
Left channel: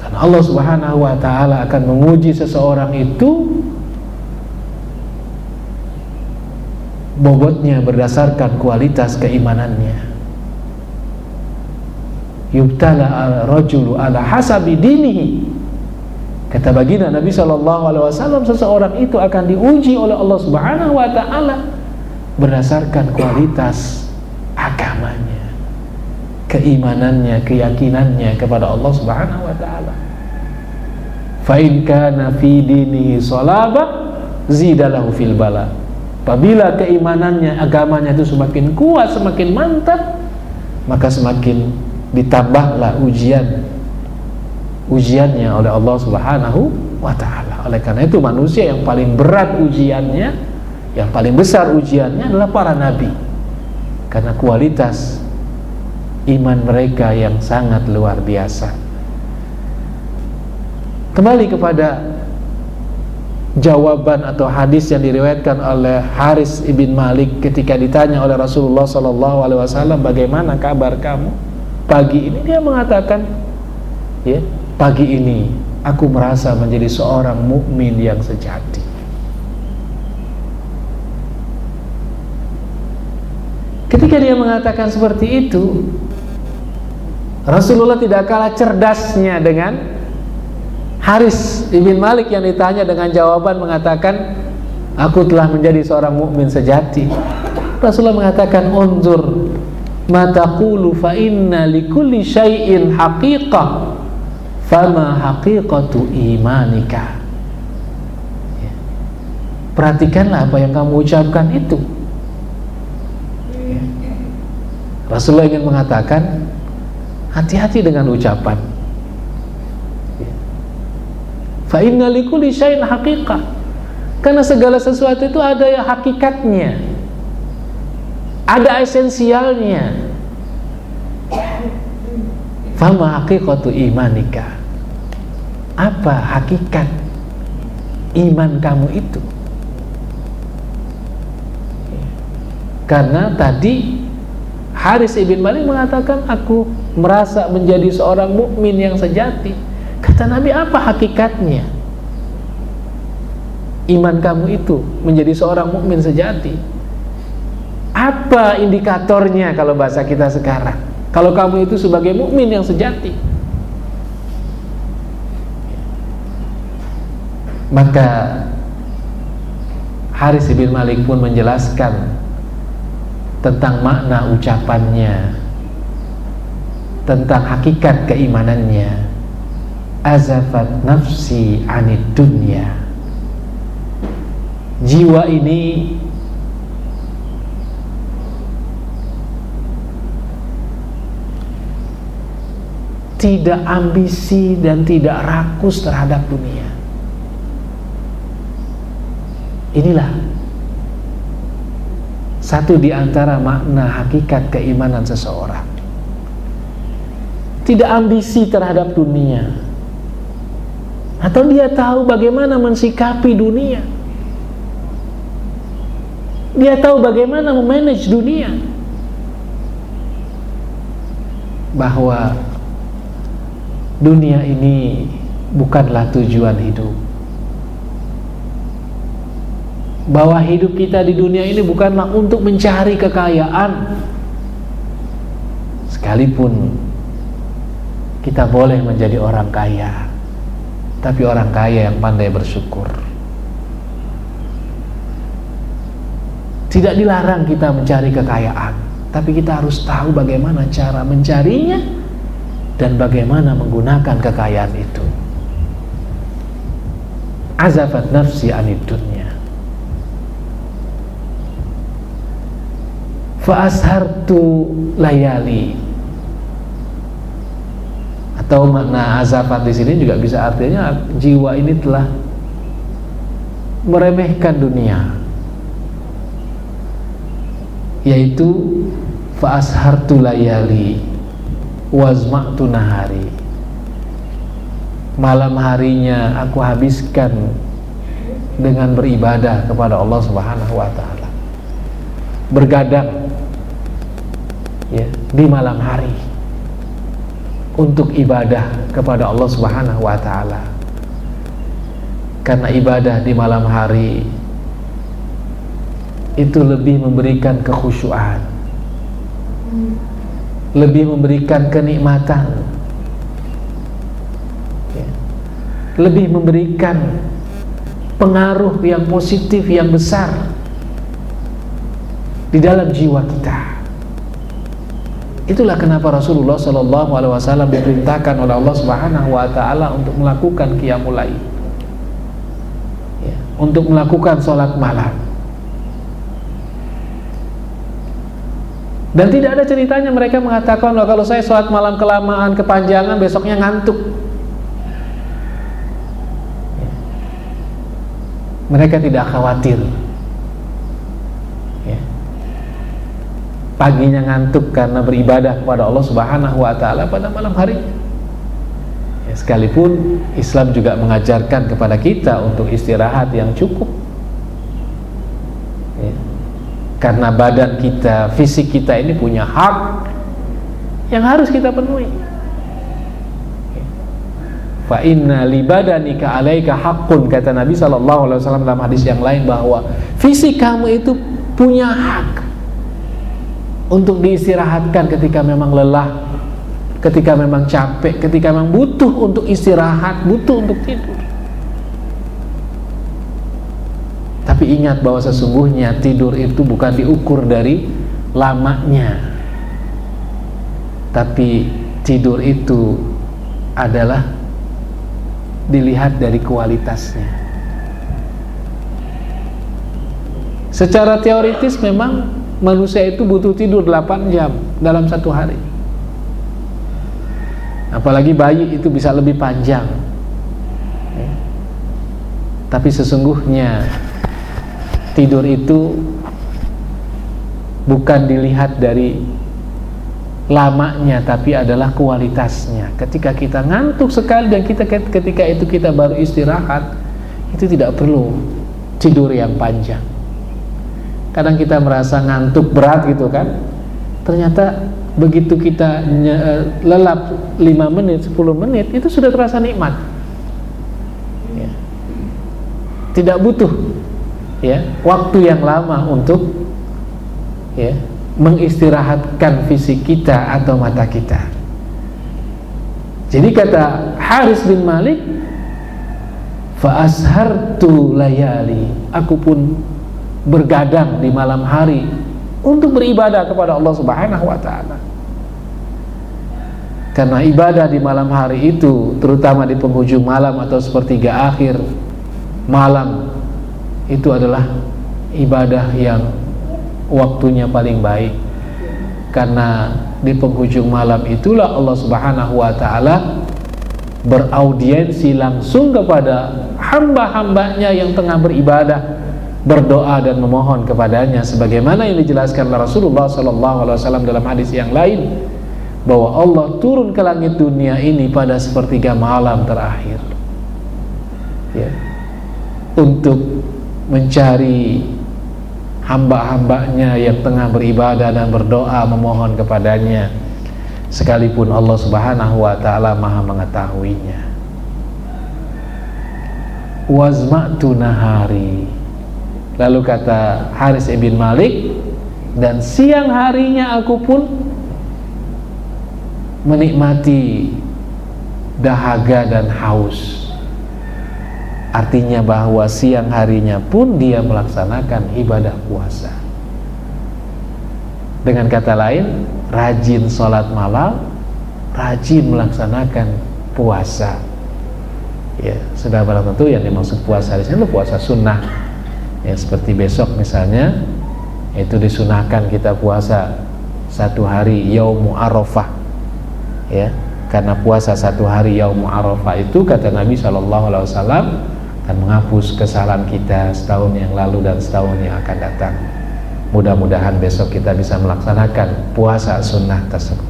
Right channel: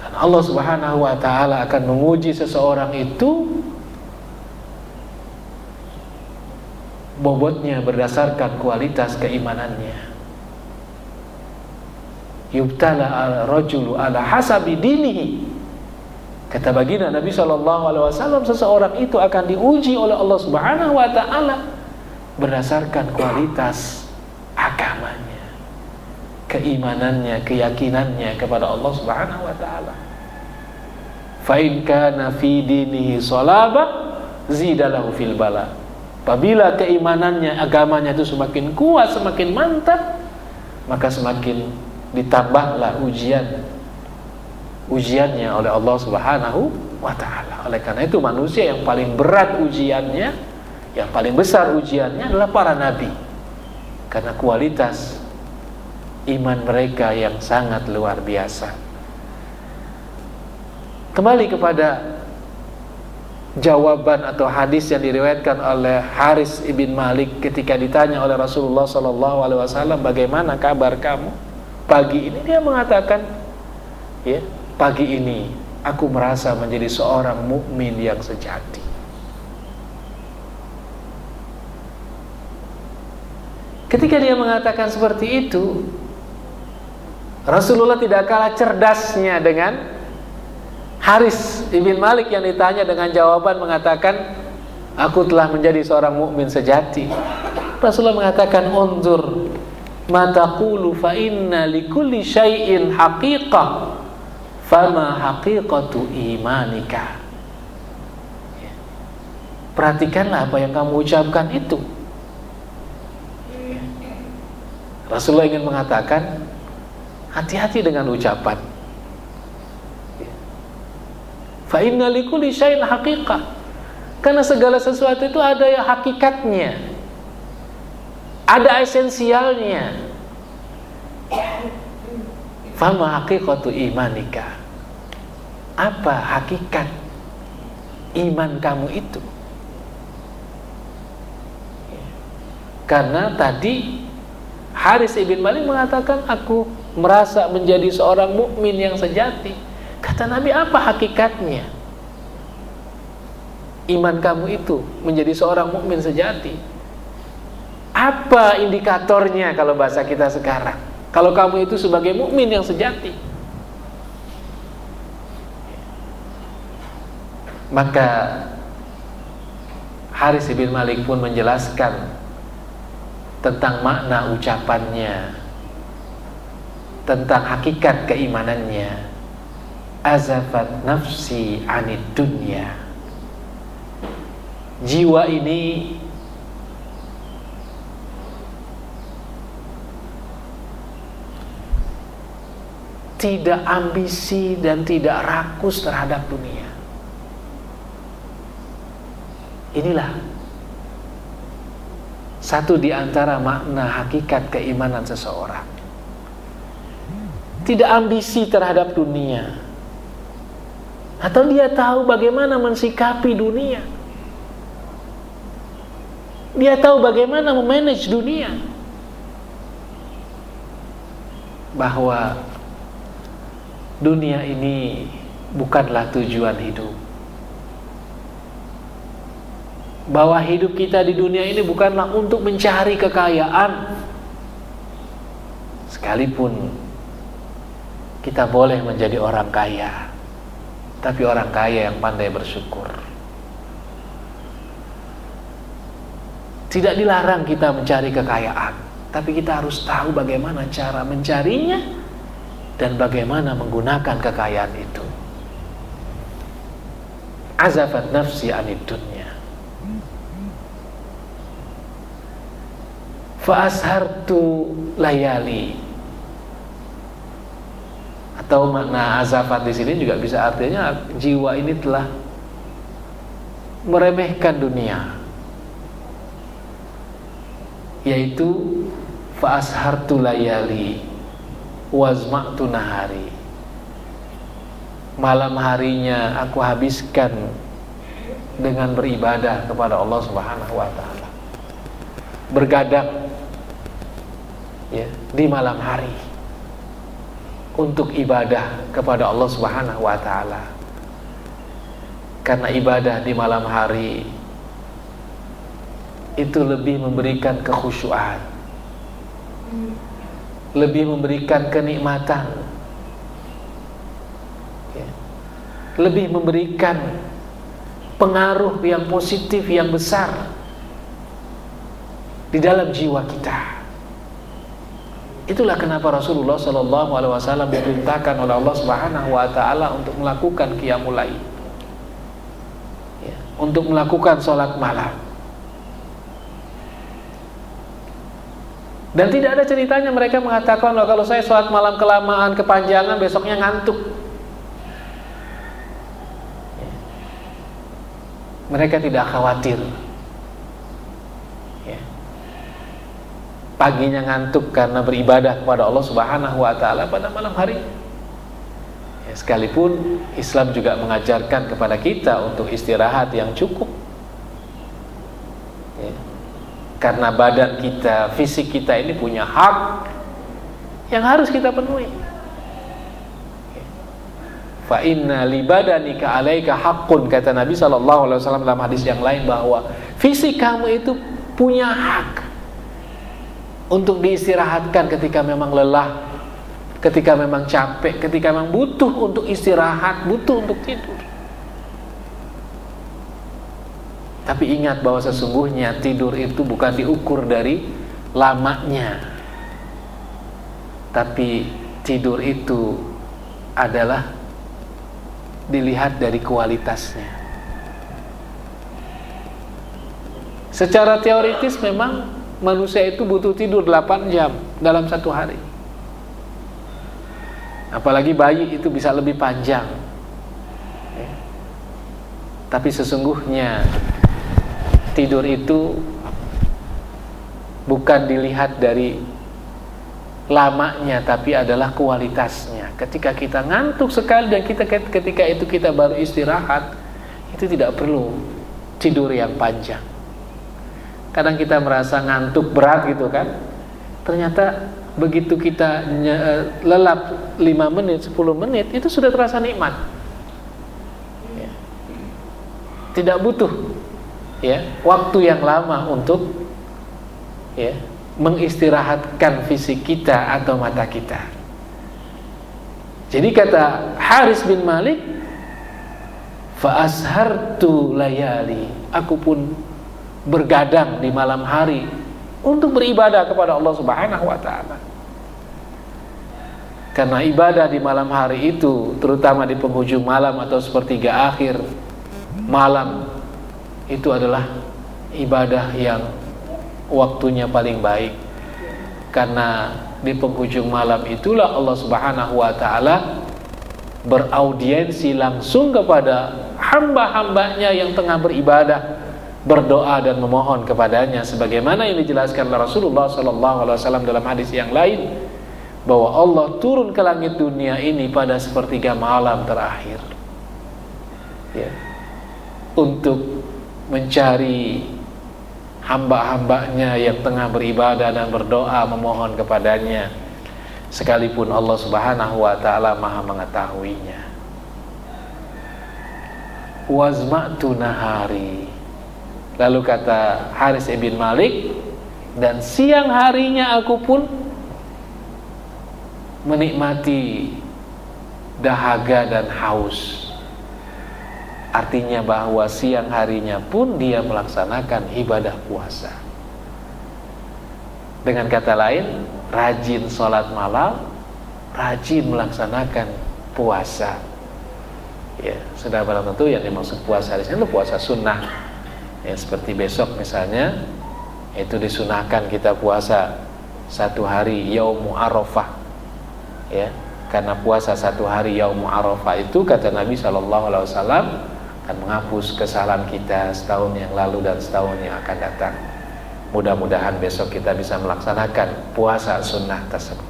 Karena Allah Subhanahu wa taala akan menguji seseorang itu bobotnya berdasarkan kualitas keimanannya. Yubtala al-rajulu ala hasabi dinihi. Kata baginda Nabi SAW, seseorang itu akan diuji oleh Allah Subhanahu wa taala berdasarkan kualitas agamanya, keimanannya, keyakinannya kepada Allah Subhanahu wa taala. Fa in kana fi dinihi salaba zidalahu fil bala. Apabila keimanannya, agamanya itu semakin kuat, semakin mantap, maka semakin ditambahlah ujiannya oleh Allah Subhanahu wa ta'ala. Oleh karena itu manusia yang paling berat ujiannya, yang paling besar ujiannya adalah para nabi, karena kualitas iman mereka yang sangat luar biasa. Kembali kepada jawaban atau hadis yang diriwayatkan oleh Haris ibn Malik ketika ditanya oleh Rasulullah SAW, bagaimana kabar kamu pagi ini? Dia mengatakan, ya, pagi ini aku merasa menjadi seorang mukmin yang sejati. Ketika dia mengatakan seperti itu, Rasulullah tidak kalah cerdasnya dengan Haris ibn Malik yang ditanya dengan jawaban mengatakan, aku telah menjadi seorang mukmin sejati. Rasulullah mengatakan, unzur ma taqulu fa inna likulli syai'in haqiqah fama haqiqatu imanika. Perhatikanlah apa yang kamu ucapkan itu. Rasulullah ingin mengatakan, hati-hati dengan ucapan. Fa inna likulli syai'in haqiqah. Karena segala sesuatu itu ada yang hakikatnya, ada esensialnya. Fama haqiqatu imanika. Apa hakikat iman kamu itu? Karena tadi Haris ibn Malik mengatakan, aku merasa menjadi seorang mukmin yang sejati. Kata Nabi, apa hakikatnya iman kamu itu menjadi seorang mukmin sejati? Apa indikatornya kalau bahasa kita sekarang? Kalau kamu itu sebagai mukmin yang sejati? Maka Haris bin Malik pun menjelaskan tentang makna ucapannya, tentang hakikat keimanannya. Azafat nafsi anid dunya. Jiwa ini tidak ambisi dan tidak rakus terhadap dunia. Inilah satu di antara makna hakikat keimanan seseorang. Tidak ambisi terhadap dunia, atau dia tahu bagaimana mensikapi dunia. Dia tahu bagaimana memanage dunia, bahwa dunia ini bukanlah tujuan hidup, bahwa hidup kita di dunia ini bukanlah untuk mencari kekayaan. Sekalipun kita boleh menjadi orang kaya, tapi orang kaya yang pandai bersyukur. Tidak dilarang kita mencari kekayaan, tapi kita harus tahu bagaimana cara mencarinya dan bagaimana menggunakan kekayaan itu. Azafat nafsi anid dunya. Fa ashartu layali. Atau makna azafat di sini juga bisa artinya jiwa ini telah meremehkan dunia, yaitu fa ashartu layali wazma'tu nahari. Malam harinya aku habiskan dengan beribadah kepada Allah Subhanahu wa taala, bergadang ya di malam hari untuk ibadah kepada Allah Subhanahu wa taala. Karena ibadah di malam hari itu lebih memberikan kekhusyuan, lebih memberikan kenikmatan, ya, lebih memberikan pengaruh yang positif, yang besar di dalam jiwa kita. Itulah kenapa Rasulullah SAW diperintahkan oleh Allah Subhanahu wa taala untuk melakukan qiyamul lail, ya, untuk melakukan sholat malam. Dan tidak ada ceritanya mereka mengatakan, loh, kalau saya sholat malam kelamaan, kepanjangan, besoknya ngantuk. Mereka tidak khawatir ya, paginya ngantuk karena beribadah kepada Allah Subhanahu wa taala pada malam hari ya, sekalipun Islam juga mengajarkan kepada kita untuk istirahat yang cukup ya, karena badan kita, fisik kita ini punya hak yang harus kita penuhi. Fa inna li badanika alaika haqqun, kata Nabi SAW dalam hadis yang lain bahwa fisik kamu itu punya hak untuk diistirahatkan ketika memang lelah, ketika memang capek, ketika memang butuh untuk istirahat, butuh untuk tidur. Tapi ingat bahwa sesungguhnya tidur itu bukan diukur dari lamanya, tapi tidur itu adalah dilihat dari kualitasnya. Secara teoritis memang manusia itu butuh tidur 8 jam dalam satu hari. Apalagi bayi itu bisa lebih panjang. Tapi sesungguhnya tidur itu bukan dilihat dari lamanya, tapi adalah kualitasnya. Ketika kita ngantuk sekali dan ketika itu kita baru istirahat, itu tidak perlu tidur yang panjang. Kadang kita merasa ngantuk berat gitu kan, ternyata begitu kita lelap 5 menit, 10 menit, itu sudah terasa nikmat ya. Tidak butuh ya waktu yang lama untuk ya mengistirahatkan fisik kita atau mata kita. Jadi kata Haris bin Malik, fa ashartu layali, aku pun bergadang di malam hari untuk beribadah kepada Allah Subhanahu wa taala. Karena ibadah di malam hari itu, terutama di penghujung malam atau sepertiga akhir malam, itu adalah ibadah yang waktunya paling baik. Karena di penghujung malam itulah Allah Subhanahu wa taala beraudiensi langsung kepada hamba-hambanya yang tengah beribadah, berdoa dan memohon kepadanya, sebagaimana yang dijelaskan oleh Rasulullah SAW dalam hadis yang lain, bahwa Allah turun ke langit dunia ini pada sepertiga malam terakhir ya, untuk mencari hamba-hambanya yang tengah beribadah dan berdoa memohon kepadanya, sekalipun Allah Subhanahu wa taala Maha mengetahuinya. Wazma'tu nahari, lalu kata Haris bin Malik, dan siang harinya aku pun menikmati dahaga dan haus. Artinya bahwa siang harinya pun dia melaksanakan ibadah puasa. Dengan kata lain, rajin sholat malam, rajin melaksanakan puasa. Ya, sudah barang tentu yang dimaksud puasa di sini itu puasa sunnah. Ya, seperti besok misalnya, itu disunahkan kita puasa 1 hari Yaumu Arafah. Ya, karena puasa 1 hari Yaumu Arafah itu kata Nabi SAW dan menghapus kesalahan kita setahun yang lalu dan setahun yang akan datang. Mudah-mudahan besok kita bisa melaksanakan puasa sunnah tersebut.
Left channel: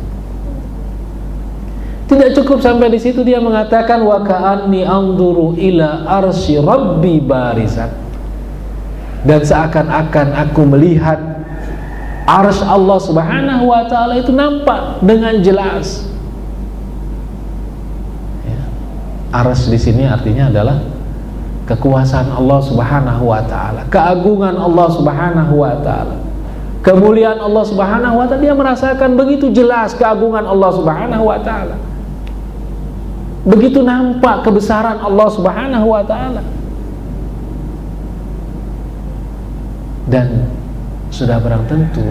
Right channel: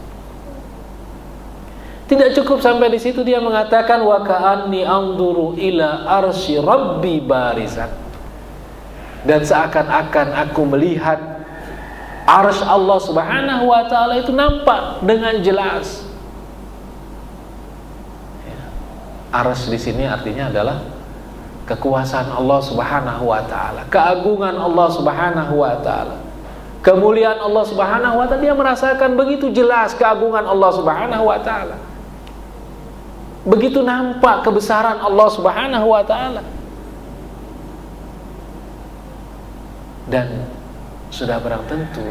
Tidak cukup sampai di situ, dia mengatakan wa ka'anni anzuru ila arsy rabbi barisan, dan seakan-akan aku melihat arsy Allah Subhanahu wa taala itu nampak dengan jelas. Ya. Arsy di sini artinya adalah kekuasaan Allah Subhanahu wa taala, keagungan Allah Subhanahu wa taala, kemuliaan Allah Subhanahu wa taala. Dia merasakan begitu jelas keagungan Allah Subhanahu wa taala. Begitu nampak kebesaran Allah Subhanahu wa taala. Dan sudah barang tentu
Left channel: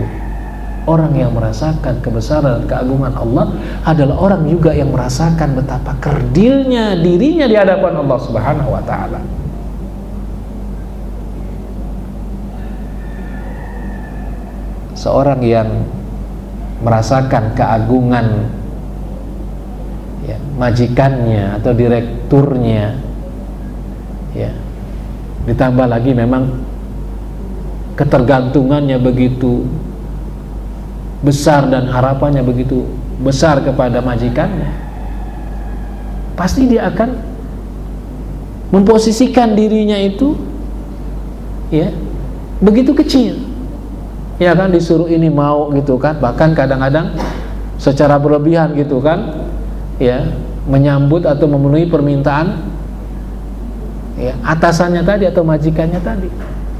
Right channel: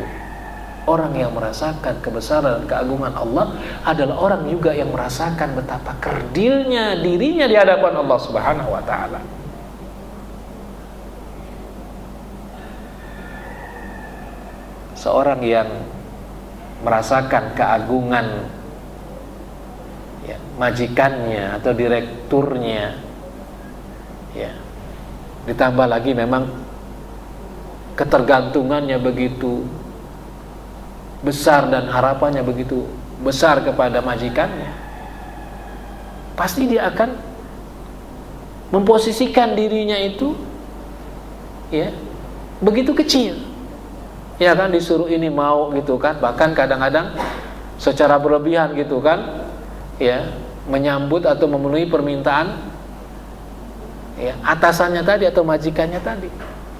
orang yang merasakan kebesaran dan keagungan Allah adalah orang juga yang merasakan betapa kerdilnya dirinya di hadapan Allah Subhanahu wa taala. Seorang yang merasakan keagungan ya, majikannya atau direkturnya, ya, ditambah lagi memang ketergantungannya begitu besar dan harapannya begitu besar kepada majikannya, pasti dia akan memposisikan dirinya itu ya begitu kecil. Ya kan, disuruh ini mau gitu kan, bahkan kadang-kadang secara berlebihan gitu kan, ya, menyambut atau memenuhi permintaan ya atasannya tadi atau majikannya tadi.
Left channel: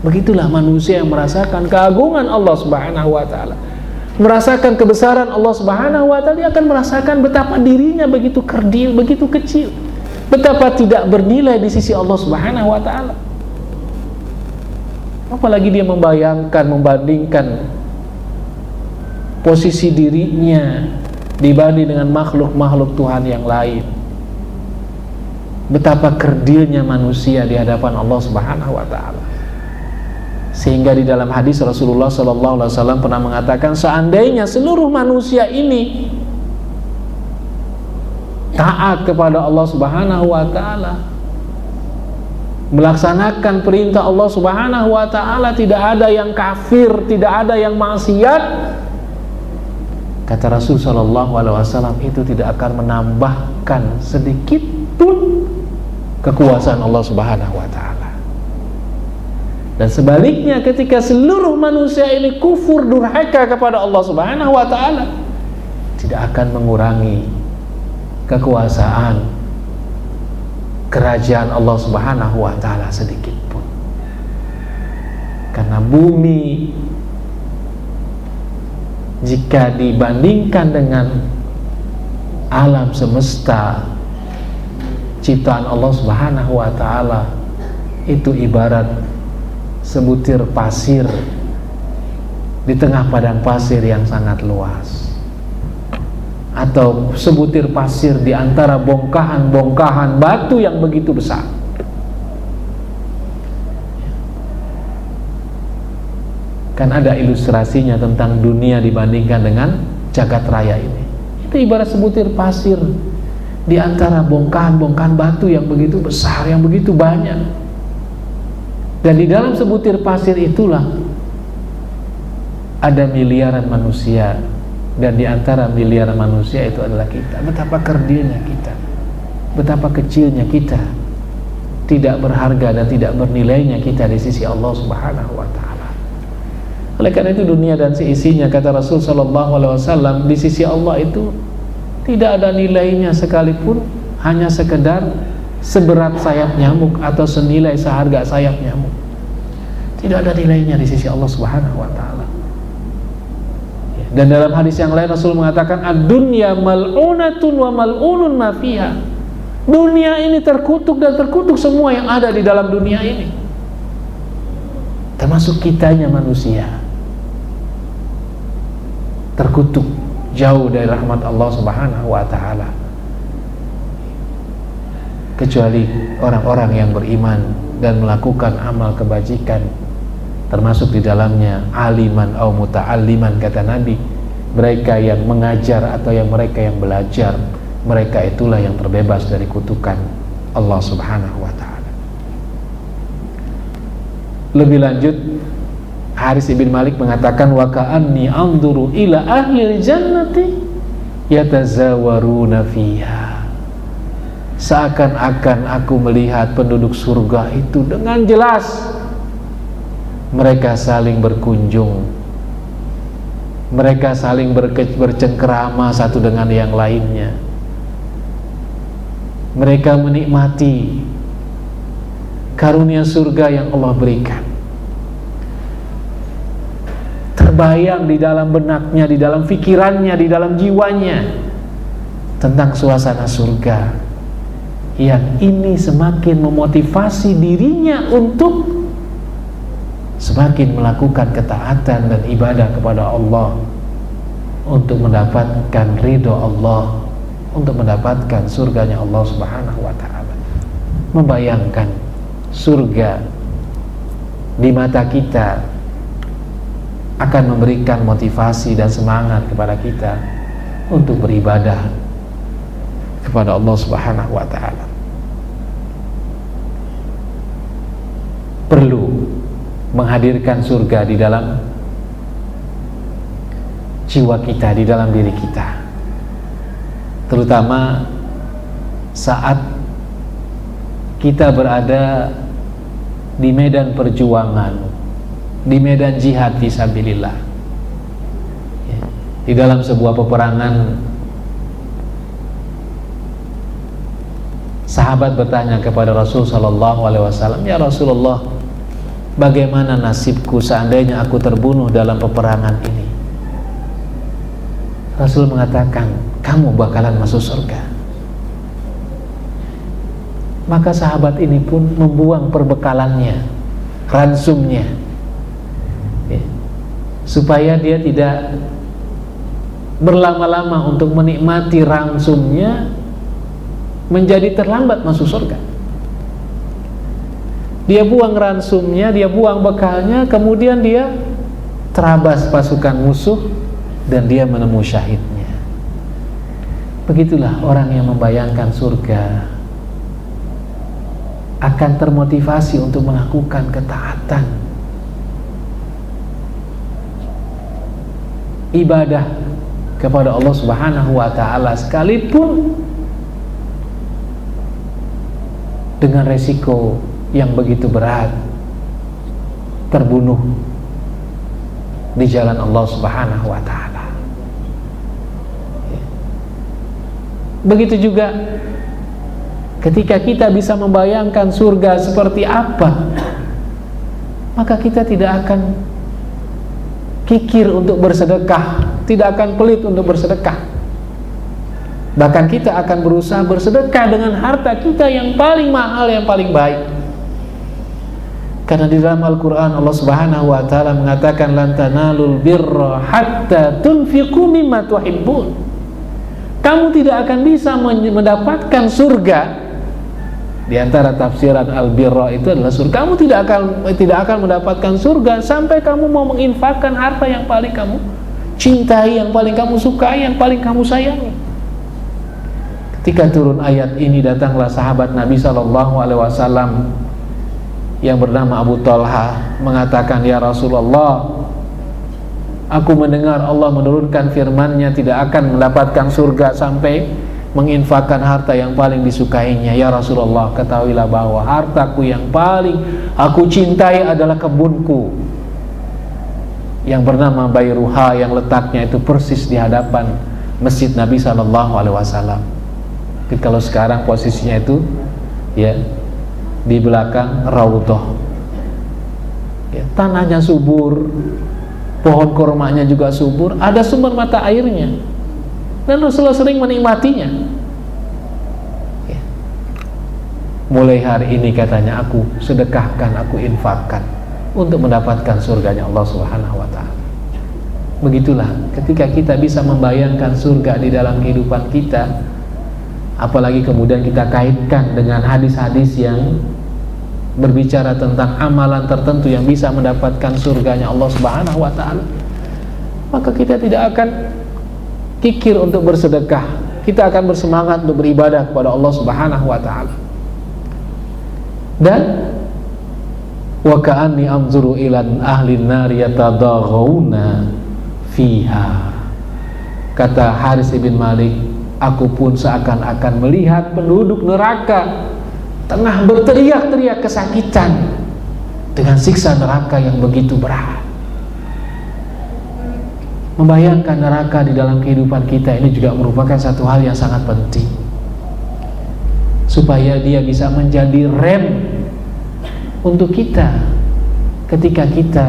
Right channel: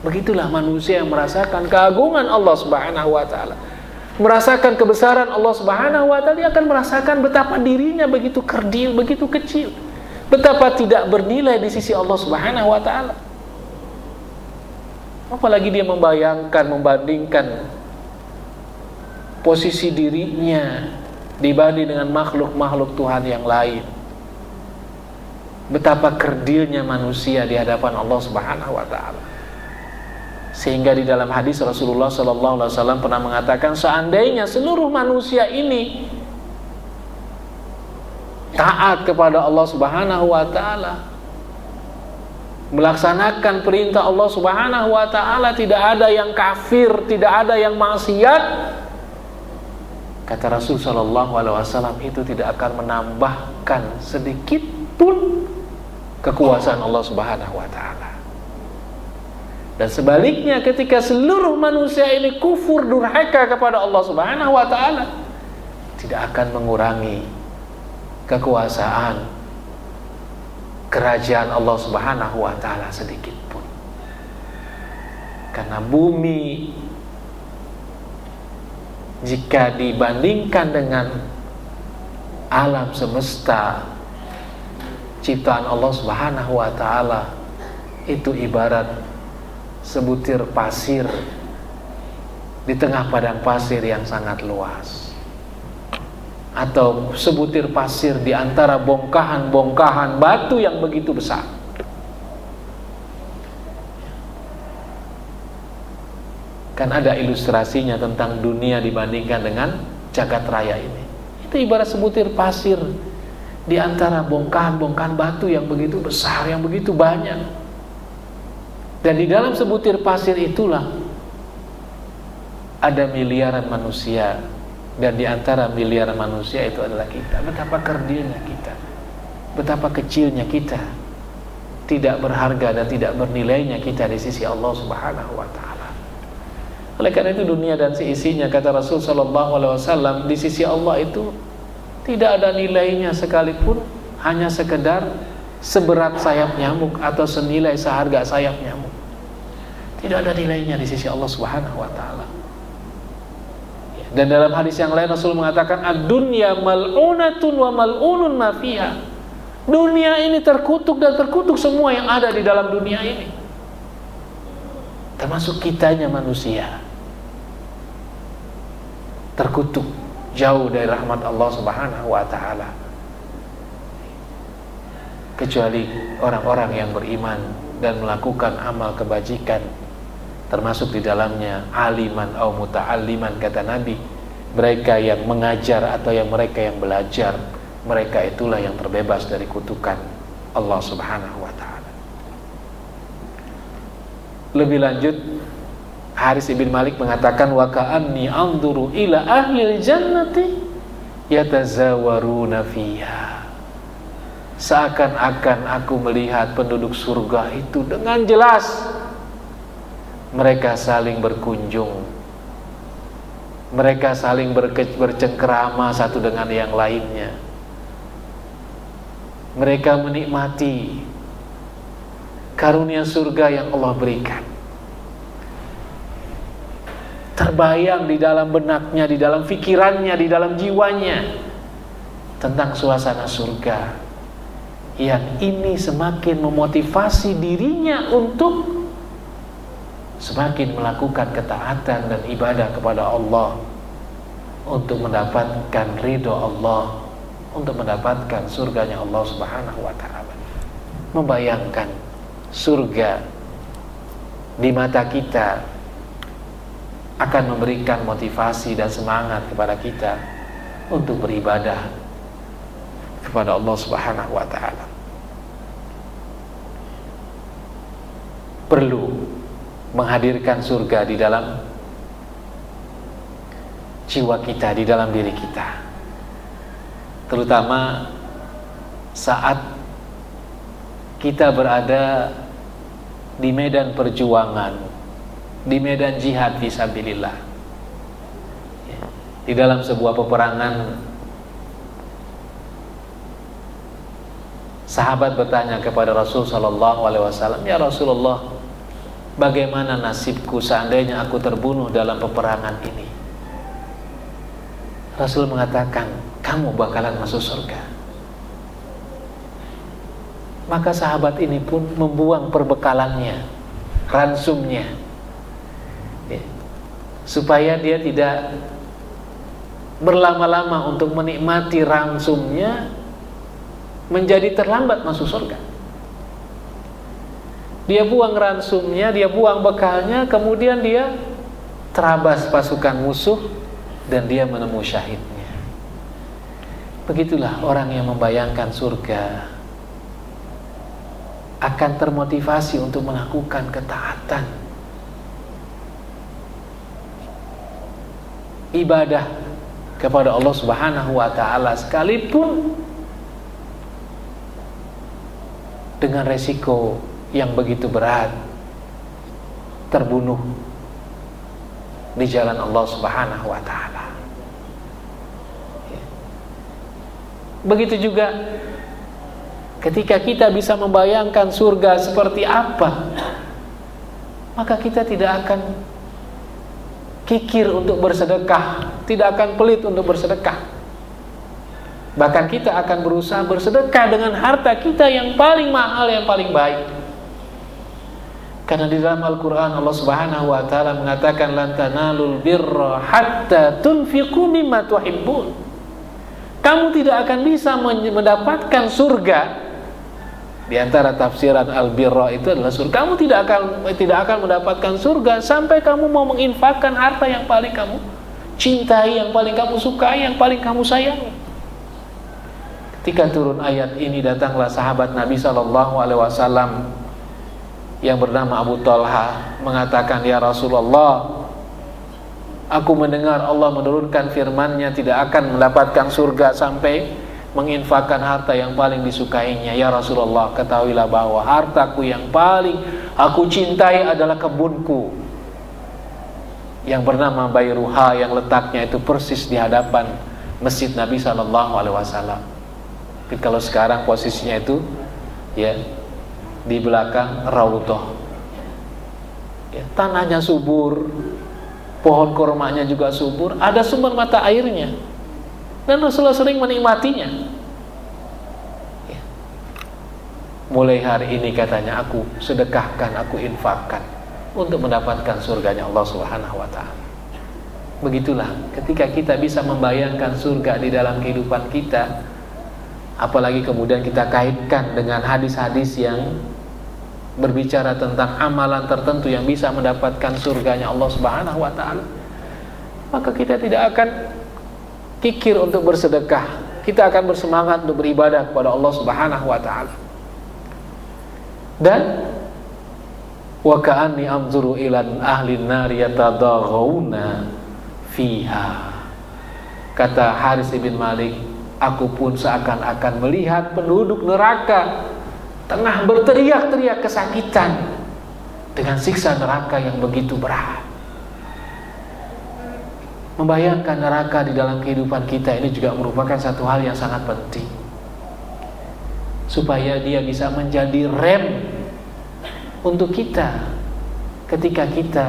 Begitulah manusia yang merasakan keagungan Allah Subhanahu wa taala, merasakan kebesaran Allah Subhanahu wa taala. Dia akan merasakan betapa dirinya begitu kerdil, begitu kecil, betapa tidak bernilai di sisi Allah Subhanahu wa taala. Apalagi dia membandingkan posisi dirinya dibanding dengan makhluk-makhluk Tuhan yang lain. Betapa kerdilnya manusia di hadapan Allah Subhanahu wa taala. Sehingga di dalam hadis Rasulullah sallallahu alaihi wasallam pernah mengatakan, seandainya seluruh manusia ini taat kepada Allah Subhanahu wa taala, melaksanakan perintah Allah Subhanahu wa taala, tidak ada yang kafir, tidak ada yang maksiat, kata Rasul sallallahu alaihi wasallam, itu tidak akan menambahkan sedikit pun kekuasaan Allah Subhanahu wa taala. Dan sebaliknya, ketika seluruh manusia ini kufur durhaka kepada Allah Subhanahu wa taala, tidak akan mengurangi kekuasaan kerajaan Allah Subhanahu wa taala sedikit pun. Karena bumi jika dibandingkan dengan alam semesta ciptaan Allah Subhanahu wa taala, itu ibarat sebutir pasir di tengah padang pasir yang sangat luas, atau sebutir pasir di antara bongkahan-bongkahan batu yang begitu besar. Kan ada ilustrasinya tentang dunia dibandingkan dengan jagat raya ini. Itu ibarat sebutir pasir di antara bongkahan-bongkahan batu yang begitu besar, yang begitu banyak. Dan di dalam sebutir pasir itulah ada miliaran manusia. Dan di antara miliaran manusia itu adalah kita. Betapa kerdilnya kita, betapa kecilnya kita, tidak berharga dan tidak bernilainya kita di sisi Allah Subhanahu wa taala. Oleh karena itu dunia dan seisinya, kata Rasul sallallahu alaihi wasallam, di sisi Allah itu tidak ada nilainya sekalipun, hanya sekedar seberat sayap nyamuk atau senilai seharga sayap nyamuk. Tidak ada nilainya di sisi Allah Subhanahu wa taala. Dan dalam hadis yang lain Rasul mengatakan, ad-dunya mal'unatun wa mal'unun ma fiha. Dunia ini terkutuk dan terkutuk semua yang ada di dalam dunia ini, termasuk kitanya manusia. Terkutuk jauh dari rahmat Allah Subhanahu wa taala. Kecuali orang-orang yang beriman dan melakukan amal kebajikan, termasuk di dalamnya aliman atau muta'alliman, kata Nabi, mereka yang mengajar atau mereka yang belajar, mereka itulah yang terbebas dari kutukan Allah Subhanahu wa ta'ala. Lebih lanjut, Haris ibn Malik mengatakan, wa ka'anni anzuru ila ahlil jannati yatazawaruna fiha. Seakan-akan aku melihat penduduk surga itu dengan jelas. Mereka saling berkunjung, mereka saling bercengkerama satu dengan yang lainnya. Mereka menikmati karunia surga yang Allah berikan. Terbayang di dalam benaknya, di dalam pikirannya, di dalam jiwanya tentang suasana surga, yang ini semakin memotivasi dirinya untuk semakin melakukan ketaatan dan ibadah kepada Allah, untuk mendapatkan ridho Allah, untuk mendapatkan surganya Allah Subhanahu wa ta'ala. Membayangkan surga di mata kita akan memberikan motivasi dan semangat kepada kita untuk beribadah kepada Allah Subhanahu wa ta'ala. Perlu menghadirkan surga di dalam jiwa kita, di dalam diri kita, terutama saat kita berada di medan perjuangan, di medan jihad fisabilillah, di dalam sebuah peperangan. Sahabat bertanya kepada Rasul sallallahu alaihi wasallam, "Ya Rasulullah, bagaimana nasibku seandainya aku terbunuh dalam peperangan ini?" Rasul mengatakan, "Kamu bakalan masuk surga." Maka sahabat ini pun membuang perbekalannya, ransumnya, supaya dia tidak berlama-lama untuk menikmati ransumnya, menjadi terlambat masuk surga. Dia buang ransumnya, dia buang bekalnya, kemudian dia terabas pasukan musuh dan dia menemui syahidnya. Begitulah orang yang membayangkan surga akan termotivasi untuk melakukan ketaatan, ibadah kepada Allah Subhanahu wa ta'ala, sekalipun dengan resiko yang begitu berat, terbunuh di jalan Allah Subhanahu wa ta'ala. Begitu juga ketika kita bisa membayangkan surga seperti apa, maka kita tidak akan kikir untuk bersedekah, tidak akan pelit untuk bersedekah. Bahkan kita akan berusaha bersedekah dengan harta kita yang paling mahal, yang paling baik. Karena di dalam Al-Quran Allah Subhanahu wa ta'ala mengatakan, lan tanalul birra hatta tunfiqu mimma tuhibbun. Kamu tidak akan bisa mendapatkan surga. Di antara tafsiran al-birra itu adalah surga. Kamu tidak akan mendapatkan surga sampai kamu mau menginfakkan harta yang paling kamu cintai, yang paling kamu sukai, yang paling kamu sayangi. Ketika turun ayat ini, datanglah sahabat Nabi SAW yang bernama Abu Talha mengatakan, "Ya Rasulullah, aku mendengar Allah menurunkan firman-Nya tidak akan mendapatkan surga sampai menginfakkan harta yang paling disukainya. Ya Rasulullah, ketahuilah bahwa hartaku yang paling aku cintai adalah kebunku yang bernama Bayruha, yang letaknya itu persis di hadapan masjid Nabi SAW. Tapi kalau sekarang posisinya itu ya di belakang Raudhah, ya, tanahnya subur, pohon kurmanya juga subur, ada sumber mata airnya, dan Rasulullah sering menikmatinya. Ya. Mulai hari ini katanya aku sedekahkan, aku infakkan untuk mendapatkan surganya Allah Subhanahu wa ta'ala. Begitulah ketika kita bisa membayangkan surga di dalam kehidupan kita, apalagi kemudian kita kaitkan dengan hadis-hadis yang berbicara tentang amalan tertentu yang bisa mendapatkan surganya Allah Subhanahu wa ta'ala, maka kita tidak akan kikir untuk bersedekah, kita akan bersemangat untuk beribadah kepada Allah Subhanahu wa ta'ala. Dan wa ka'anni anzuru ila ahli an-nar yatadaghawna fiha. Kata Haris bin Malik, aku pun seakan-akan melihat penduduk neraka tengah berteriak-teriak kesakitan dengan siksa neraka yang begitu berat. Membayangkan neraka di dalam kehidupan kita ini juga merupakan satu hal yang sangat penting, supaya dia bisa menjadi rem untuk kita ketika kita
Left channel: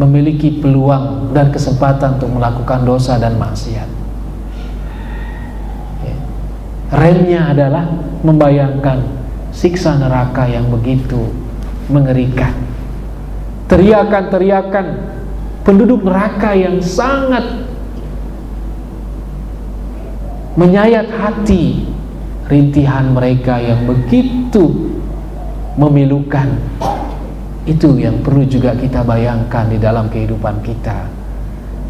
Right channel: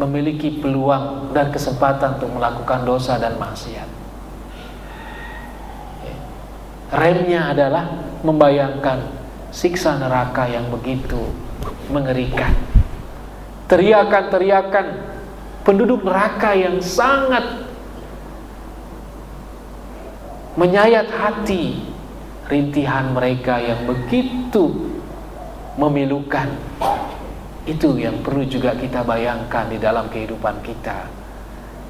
memiliki peluang dan kesempatan untuk melakukan dosa dan maksiat. Remnya adalah membayangkan siksa neraka yang begitu mengerikan, teriakan-teriakan penduduk neraka yang sangat menyayat hati, rintihan mereka yang begitu memilukan. Itu yang perlu juga kita bayangkan di dalam kehidupan kita,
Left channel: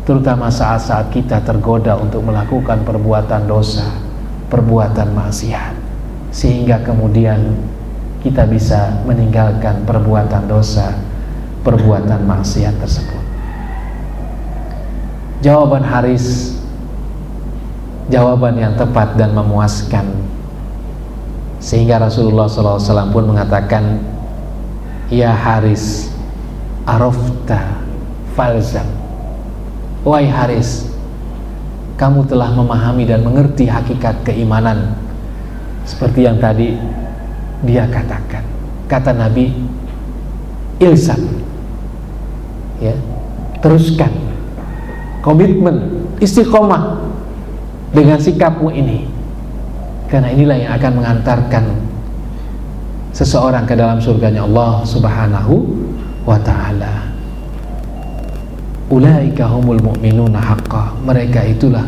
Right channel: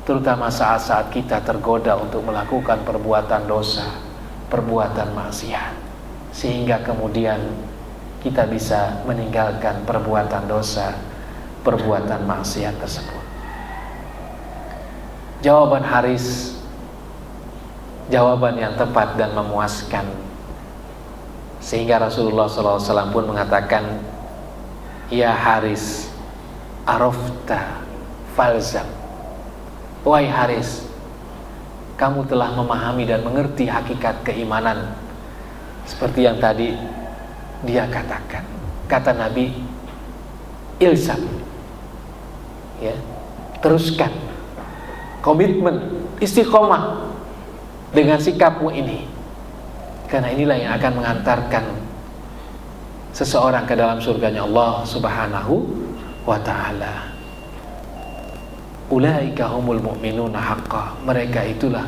terutama saat-saat kita tergoda untuk melakukan perbuatan dosa, perbuatan maksiat, sehingga kemudian kita bisa meninggalkan perbuatan dosa, perbuatan maksiat tersebut. Jawaban Haris, jawaban yang tepat dan memuaskan, sehingga Rasulullah SAW pun mengatakan, ya Haris, arafta falzam. Wahai Haris, kamu telah memahami dan mengerti hakikat keimanan, seperti yang tadi dia katakan. Kata Nabi, ilzam, ya, teruskan, komitmen, istiqomah dengan sikapmu ini, karena inilah yang akan mengantarkan seseorang ke dalam surganya Allah Subhanahu wa ta'ala. Ulaika humul mu'minuna haqqa. Mereka itulah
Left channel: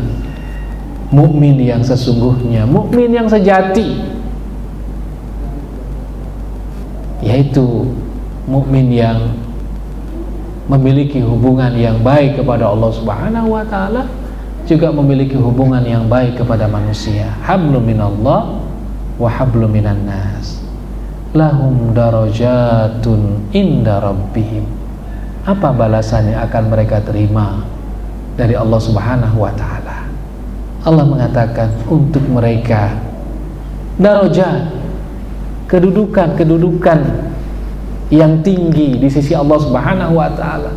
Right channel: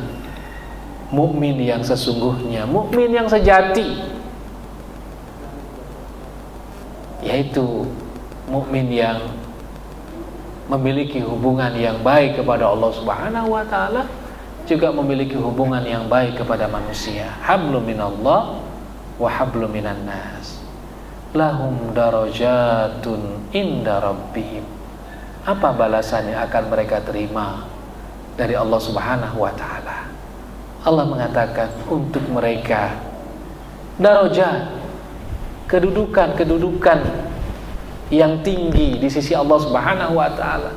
mukmin yang sesungguhnya, mukmin yang sejati, yaitu mukmin yang memiliki hubungan yang baik kepada Allah Subhanahu wa ta'ala, juga memiliki hubungan yang baik kepada manusia. Hablum minallah wa hablum minan nas, lahum darajatun inda rabbihim. Apa balasan yang akan mereka terima dari Allah Subhanahu wa ta'ala? Allah mengatakan untuk mereka darajat, kedudukan yang tinggi di sisi Allah Subhanahu wa ta'ala.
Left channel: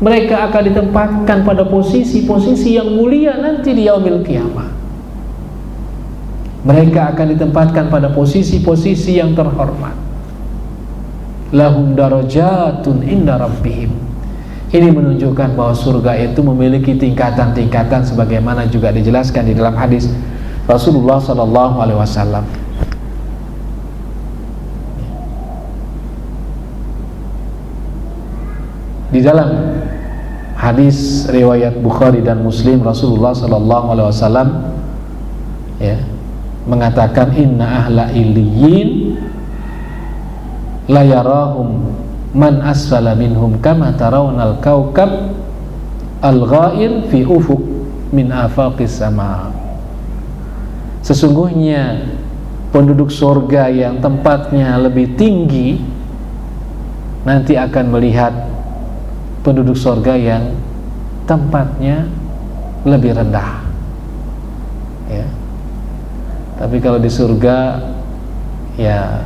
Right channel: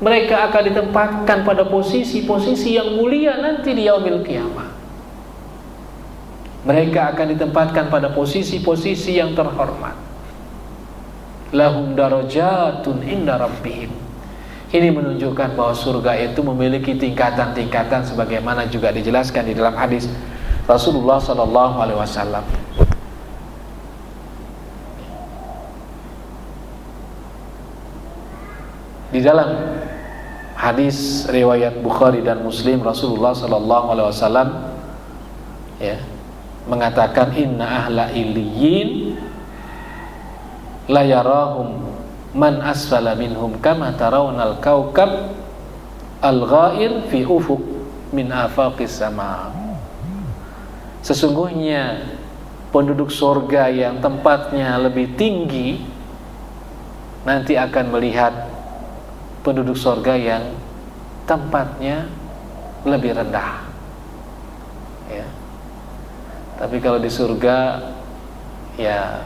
Mereka akan ditempatkan pada posisi-posisi yang mulia nanti di yaumil qiyamah. Mereka akan ditempatkan pada posisi-posisi yang terhormat. Lahum darajatun inda rabbihim. Ini menunjukkan bahwa surga itu memiliki tingkatan-tingkatan, sebagaimana juga dijelaskan di dalam hadis Rasulullah SAW. Di dalam hadis riwayat Bukhari dan Muslim, Rasulullah SAW ya mengatakan, inna ahla illiyin la yarahum man asfala minhum kama tarawnal kaukab al-ghair fi ufuq min afaqis sama. Sesungguhnya penduduk surga yang tempatnya lebih tinggi nanti akan melihat penduduk surga yang tempatnya lebih rendah, ya. Tapi kalau di surga, ya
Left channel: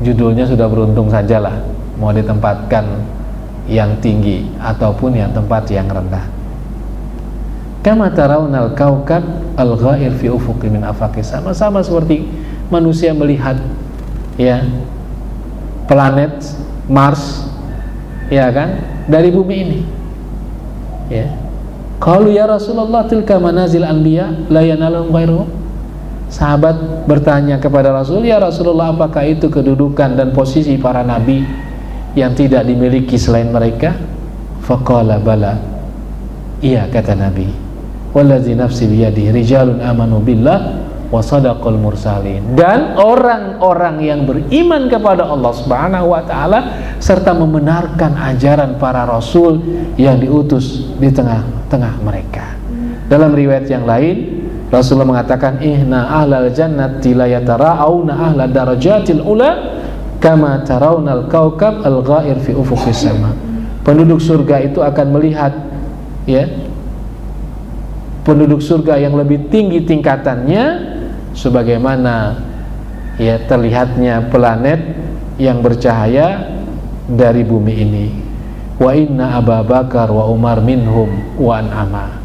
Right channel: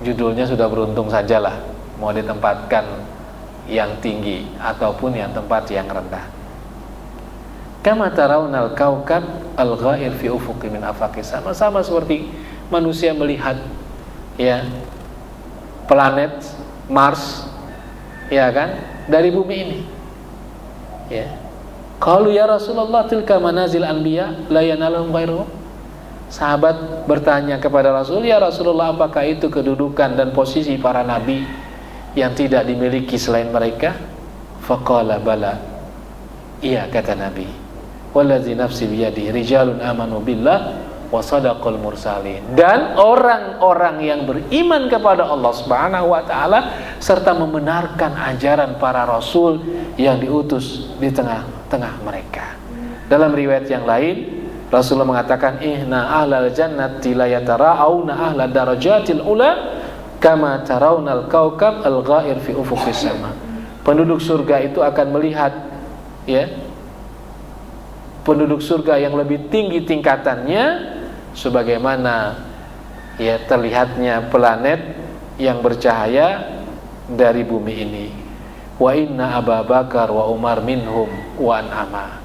judulnya sudah beruntung sajalah, mau ditempatkan yang tinggi ataupun yang tempat yang rendah. Kama tarawnal kaukab al-ghair fi ufuqi min afaqis, sama seperti manusia melihat ya planet Mars, ya kan, dari bumi ini, ya. Qalu ya Rasulullah tilka manazil anbiya la yanalum ghairuhum. Sahabat bertanya kepada Rasul, ya Rasulullah, apakah itu kedudukan dan posisi para nabi yang tidak dimiliki selain mereka? Faqala bala, iya, kata Nabi, wallazi nafsi biyadihi rijalun amanu billah wa sadaqal mursalin. Dan orang-orang yang beriman kepada Allah Subhanahu wa ta'ala serta membenarkan ajaran para rasul yang diutus di tengah-tengah mereka. Dalam riwayat yang lain, Rasulullah mengatakan, inna ahlal jannati la yatara'auna ahlad darajatil ula kama tarawnal kaukab al-ghair fi ufuqis sama. Penduduk surga itu akan melihat, ya, penduduk surga yang lebih tinggi tingkatannya sebagaimana, ya, terlihatnya planet yang bercahaya dari bumi ini. Wa inna Abu Bakar wa Umar minhum wa an'ama.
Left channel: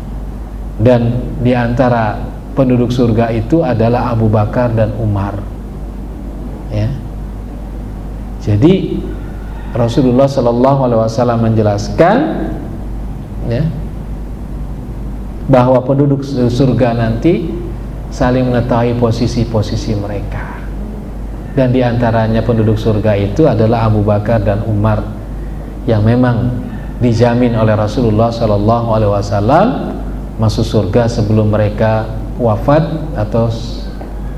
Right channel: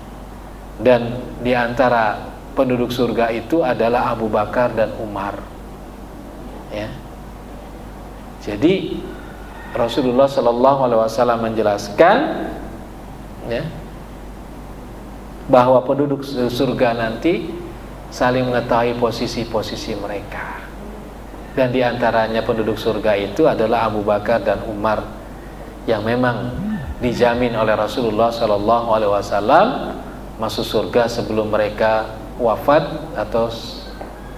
Dan di antara penduduk surga itu adalah Abu Bakar dan Umar, ya. Jadi Rasulullah Shallallahu Alaihi Wasallam menjelaskan, ya, bahwa penduduk surga nanti saling mengetahui posisi-posisi mereka. Dan di antaranya penduduk surga itu adalah Abu Bakar dan Umar yang memang dijamin oleh Rasulullah Shallallahu Alaihi Wasallam masuk surga sebelum mereka wafat atau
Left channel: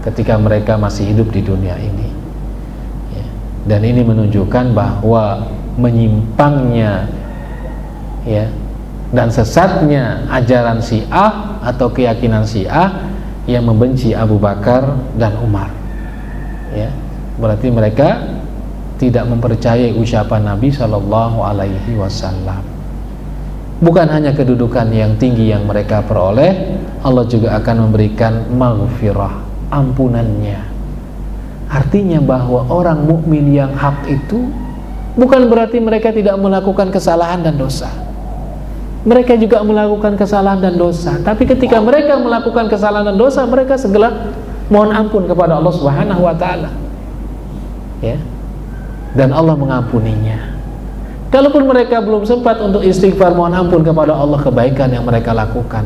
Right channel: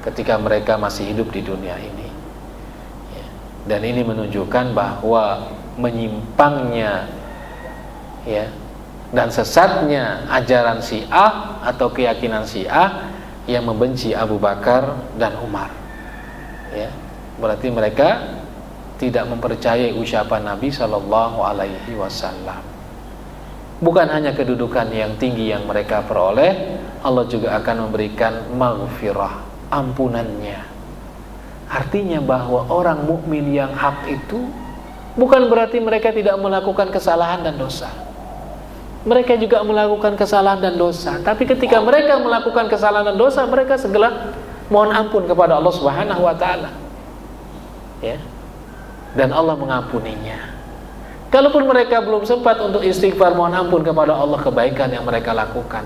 ketika mereka masih hidup di dunia ini, ya. Dan ini menunjukkan bahwa menyimpangnya, ya, dan sesatnya ajaran Syiah atau keyakinan Syiah yang membenci Abu Bakar dan Umar, ya. Berarti mereka tidak mempercayai ucapan Nabi Shallallahu Alaihi Wasallam. Bukan hanya kedudukan yang tinggi yang mereka peroleh, Allah juga akan memberikan maghfirah, ampunannya. Artinya bahwa orang mukmin yang hak itu bukan berarti mereka tidak melakukan kesalahan dan dosa. Mereka juga melakukan kesalahan dan dosa, tapi ketika mereka melakukan kesalahan dan dosa, mereka segera mohon ampun kepada Allah Subhanahu wa taala, ya. Dan Allah mengampuninya. Kalaupun mereka belum sempat untuk istighfar mohon ampun kepada Allah, kebaikan yang mereka lakukan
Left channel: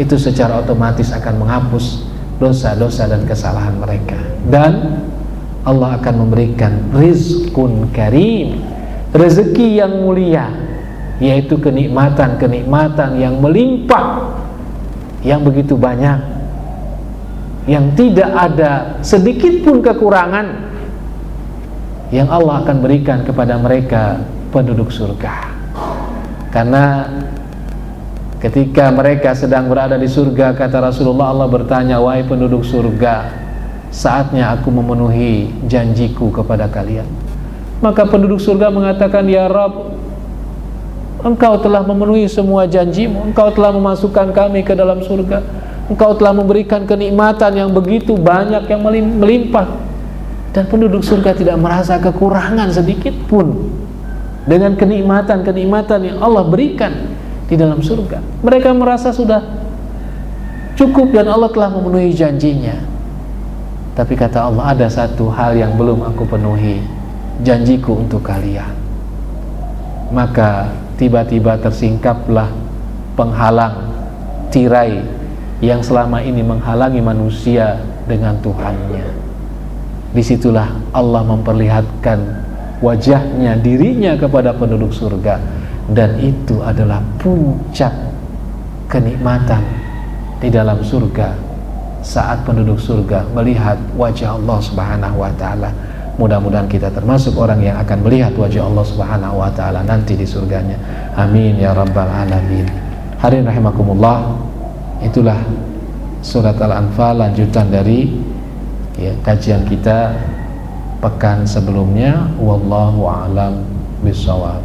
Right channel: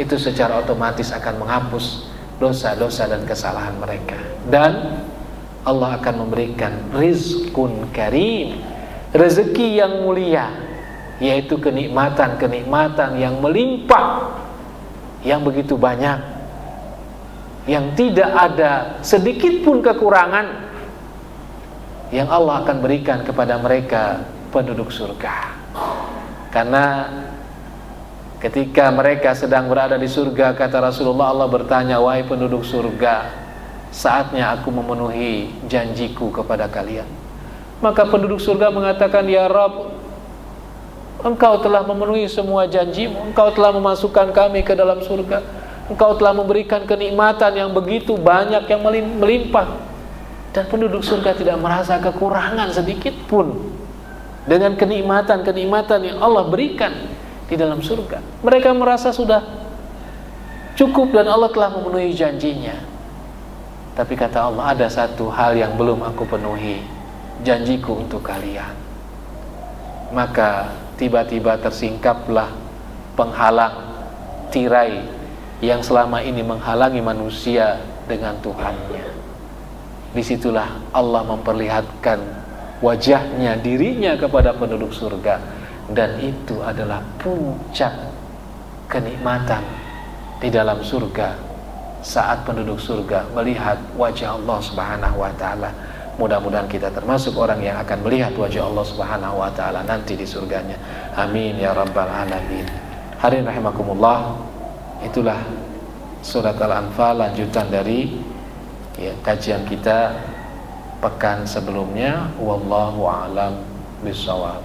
itu secara otomatis akan menghapus dosa-dosa dan kesalahan mereka. Dan Allah akan memberikan rizqun karim, rezeki yang mulia, yaitu kenikmatan-kenikmatan yang melimpah, yang begitu banyak, yang tidak ada sedikit pun kekurangan, yang Allah akan berikan kepada mereka penduduk surga. Karena ketika mereka sedang berada di surga, kata Rasulullah, Allah bertanya, wahai penduduk surga, saatnya aku memenuhi janjiku kepada kalian. Maka penduduk surga mengatakan, ya Rabb, Engkau telah memenuhi semua janjimu, Engkau telah memasukkan kami ke dalam surga, Engkau telah memberikan kenikmatan yang begitu banyak, yang melimpah, dan penduduk surga tidak merasa kekurangan sedikit pun dengan kenikmatan-kenikmatan yang Allah berikan di dalam surga. Mereka merasa sudah cukup dan Allah telah memenuhi janjinya. Tapi kata Allah, ada satu hal yang belum aku penuhi, janjiku untuk kalian. Maka tiba-tiba tersingkaplah penghalang, tirai yang selama ini menghalangi manusia dengan Tuhannya. Disitulah Allah memperlihatkan wajahnya, dirinya kepada penduduk surga, dan itu adalah puncak kenikmatan di dalam surga saat penduduk surga melihat wajah Allah Subhanahu wa taala. Mudah-mudahan kita termasuk orang yang akan melihat wajah Allah Subhanahu wa taala nanti di surganya. Amin ya rabbal alamin. Hadirin rahimakumullah, itulah surat Al-Anfal, lanjutan dari, ya, kajian kita pekan sebelumnya. Wallahu a'lam bishawab.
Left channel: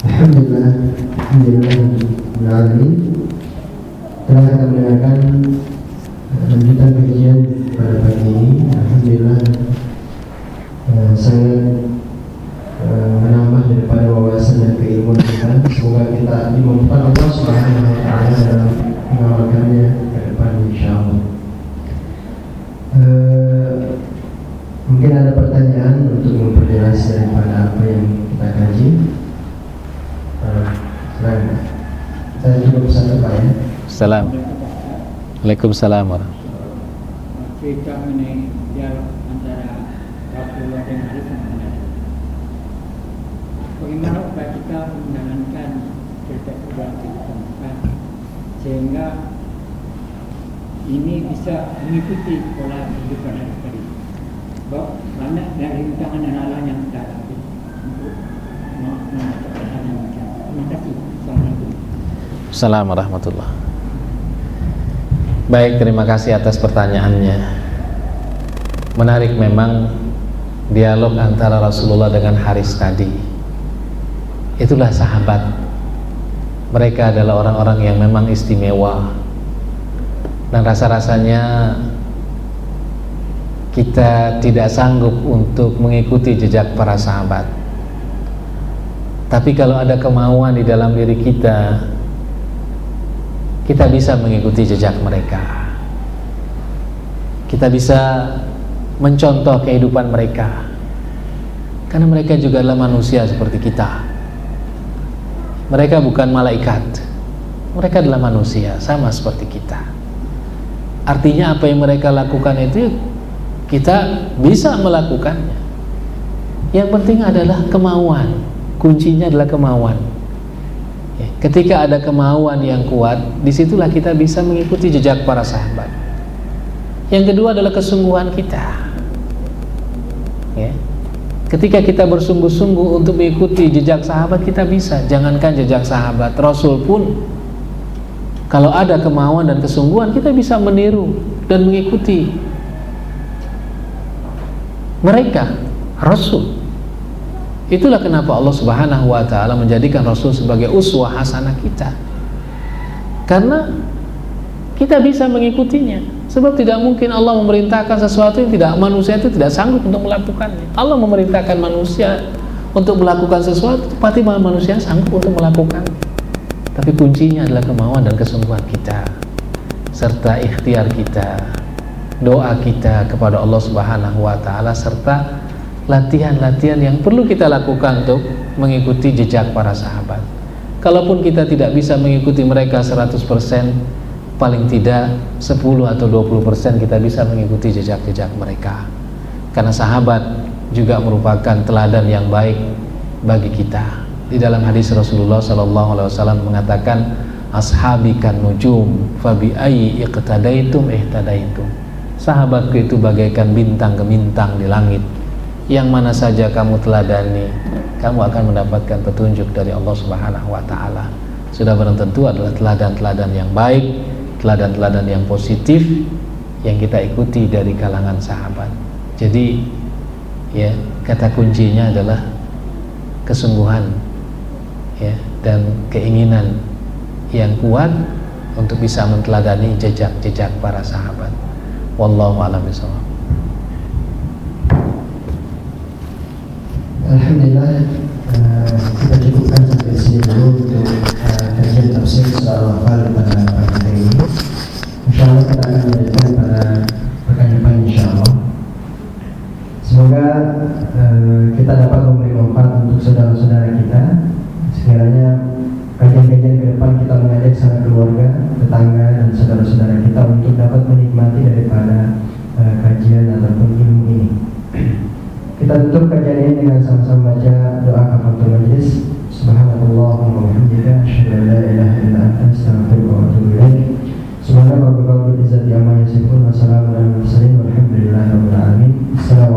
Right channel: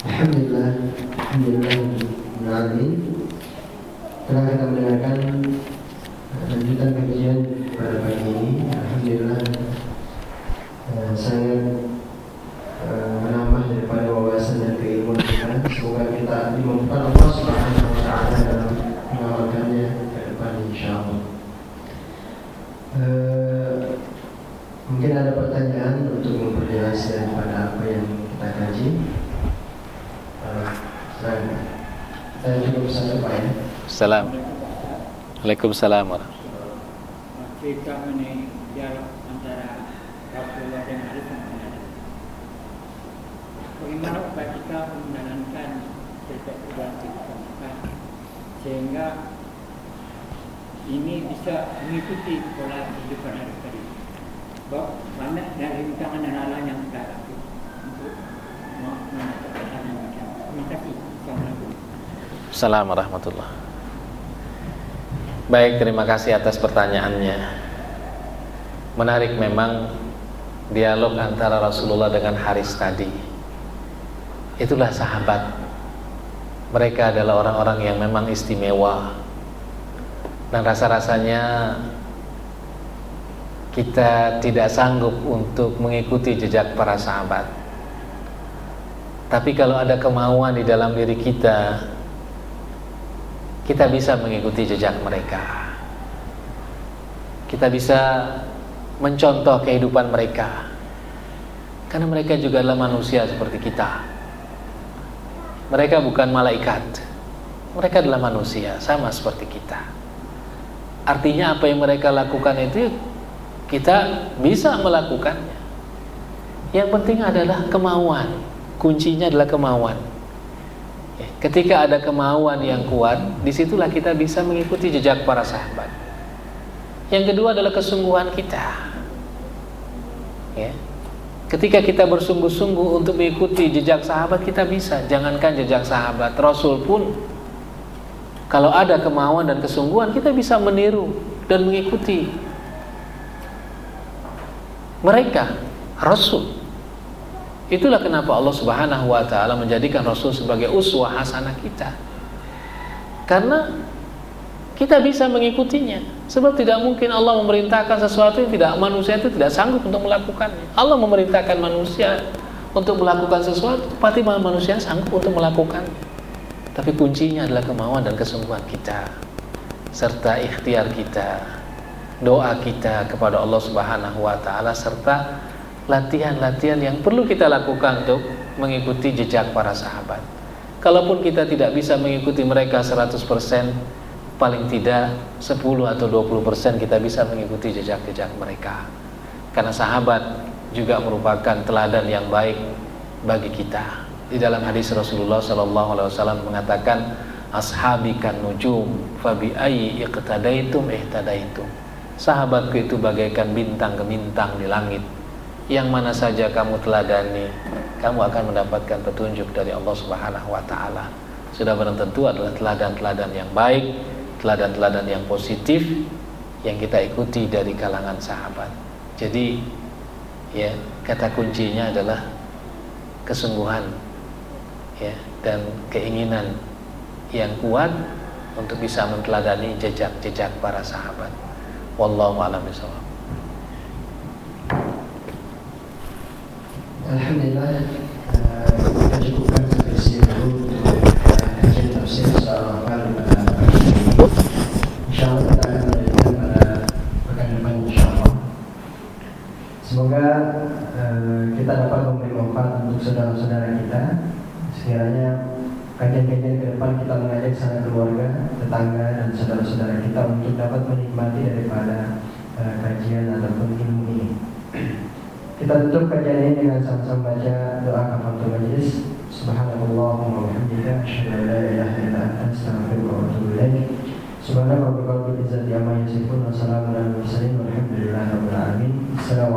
Alhamdulillah, telah kita mendengarkan lanjutan kajian pada pagi ini. Alhamdulillah, sangat menambah daripada wawasan dan keilmuan kita. Semoga kita dimampukan Allah Subhanahu wa taala dalam mengamalkannya ke depan insyaallah. Mungkin ada pertanyaan untuk memperjelas daripada apa yang kita kaji. Saya cukup satu Pak, ya. Waalaikumsalam. Cerita mengenai dialog antara Rasulullah dengan Ali Muhammad. Bagaimana upaya kita menjalankan cerita kehidupan kita sehingga ini bisa mengikuti pola kehidupan hari-hari. Sebab banyak dari rintangan dan halang yang kita hadapi untuk mencapai hal yang macam. Terima kasih. Assalamualaikum. Assalamualaikum warahmatullahi. Baik, terima kasih atas pertanyaannya. Menarik memang dialog antara Rasulullah dengan Haris tadi. Itulah sahabat. Mereka adalah orang-orang yang memang istimewa. Dan rasa-rasanya kita tidak sanggup untuk mengikuti jejak para sahabat. Tapi kalau ada kemauan di dalam diri kita, kita bisa mengikuti jejak mereka. Kita bisa mencontoh kehidupan mereka, karena mereka juga adalah manusia seperti kita. Mereka bukan malaikat, mereka adalah manusia sama seperti kita. Artinya apa yang mereka lakukan itu kita bisa melakukannya. Yang penting adalah kemauan. Kuncinya adalah kemauan. Ketika ada kemauan yang kuat, disitulah kita bisa mengikuti jejak para sahabat. Yang kedua adalah kesungguhan kita. Ketika kita bersungguh-sungguh untuk mengikuti jejak sahabat, kita bisa. Jangankan jejak sahabat, Rasul pun kalau ada kemauan dan kesungguhan, kita bisa meniru dan mengikuti mereka, Rasul. Itulah kenapa Allah Subhanahu wa ta'ala menjadikan Rasul sebagai uswah hasanah kita, karena kita bisa mengikutinya. Sebab tidak mungkin Allah memerintahkan sesuatu yang tidak, manusia itu tidak sanggup untuk melakukannya. Allah memerintahkan manusia untuk melakukan sesuatu, pasti manusia sanggup untuk melakukannya. Tapi kuncinya adalah kemauan dan kesungguhan kita, serta ikhtiar kita, doa kita kepada Allah Subhanahu wa ta'ala, serta latihan-latihan yang perlu kita lakukan untuk mengikuti jejak para sahabat. Kalaupun kita tidak bisa mengikuti mereka 100%, paling tidak 10 atau 20% kita bisa mengikuti jejak-jejak mereka. Karena sahabat juga merupakan teladan yang baik bagi kita. Di dalam hadis Rasulullah SAW mengatakan, ashabi kan nujum fabi ayyi iqtadaitum ihtadaitum. Sahabatku itu bagaikan bintang gemintang di langit. Yang mana saja kamu teladani, kamu akan mendapatkan petunjuk dari Allah Subhanahu wa ta'ala. Sudah barang tentu adalah teladan-teladan yang baik, teladan-teladan yang positif yang kita ikuti dari kalangan sahabat. Jadi ya, kata kuncinya adalah kesungguhan ya, dan keinginan yang kuat untuk bisa menteladani jejak-jejak para sahabat. Wallahu a'lam bishawab. Alhamdulillah, kita cukupkan sampai sini dulu untuk kajian tafsir surah Al-Anfal pada pagi hari ini. InsyaAllah kita akan melanjutkan pada pekan depan insyaAllah. Semoga kita dapat memberi manfaat untuk saudara-saudara kita. Sekiranya kajian-kajian ke depan kita mengajak sanak keluarga, tetangga dan saudara-saudara kita untuk dapat menikmati daripada kajian ataupun ilmu ini. Kita tutup kajian ini dengan sama-sama baca doa kafaratul majlis. Subhanallahumma wa bihamdika asyhadu an la ilaha illa anta astaghfiruka wa atubu ilaik. Subhana rabbika rabbil izzati amma yasifun wa salamun alal mursalin walhamdulillahi rabbil alamin. Assalamu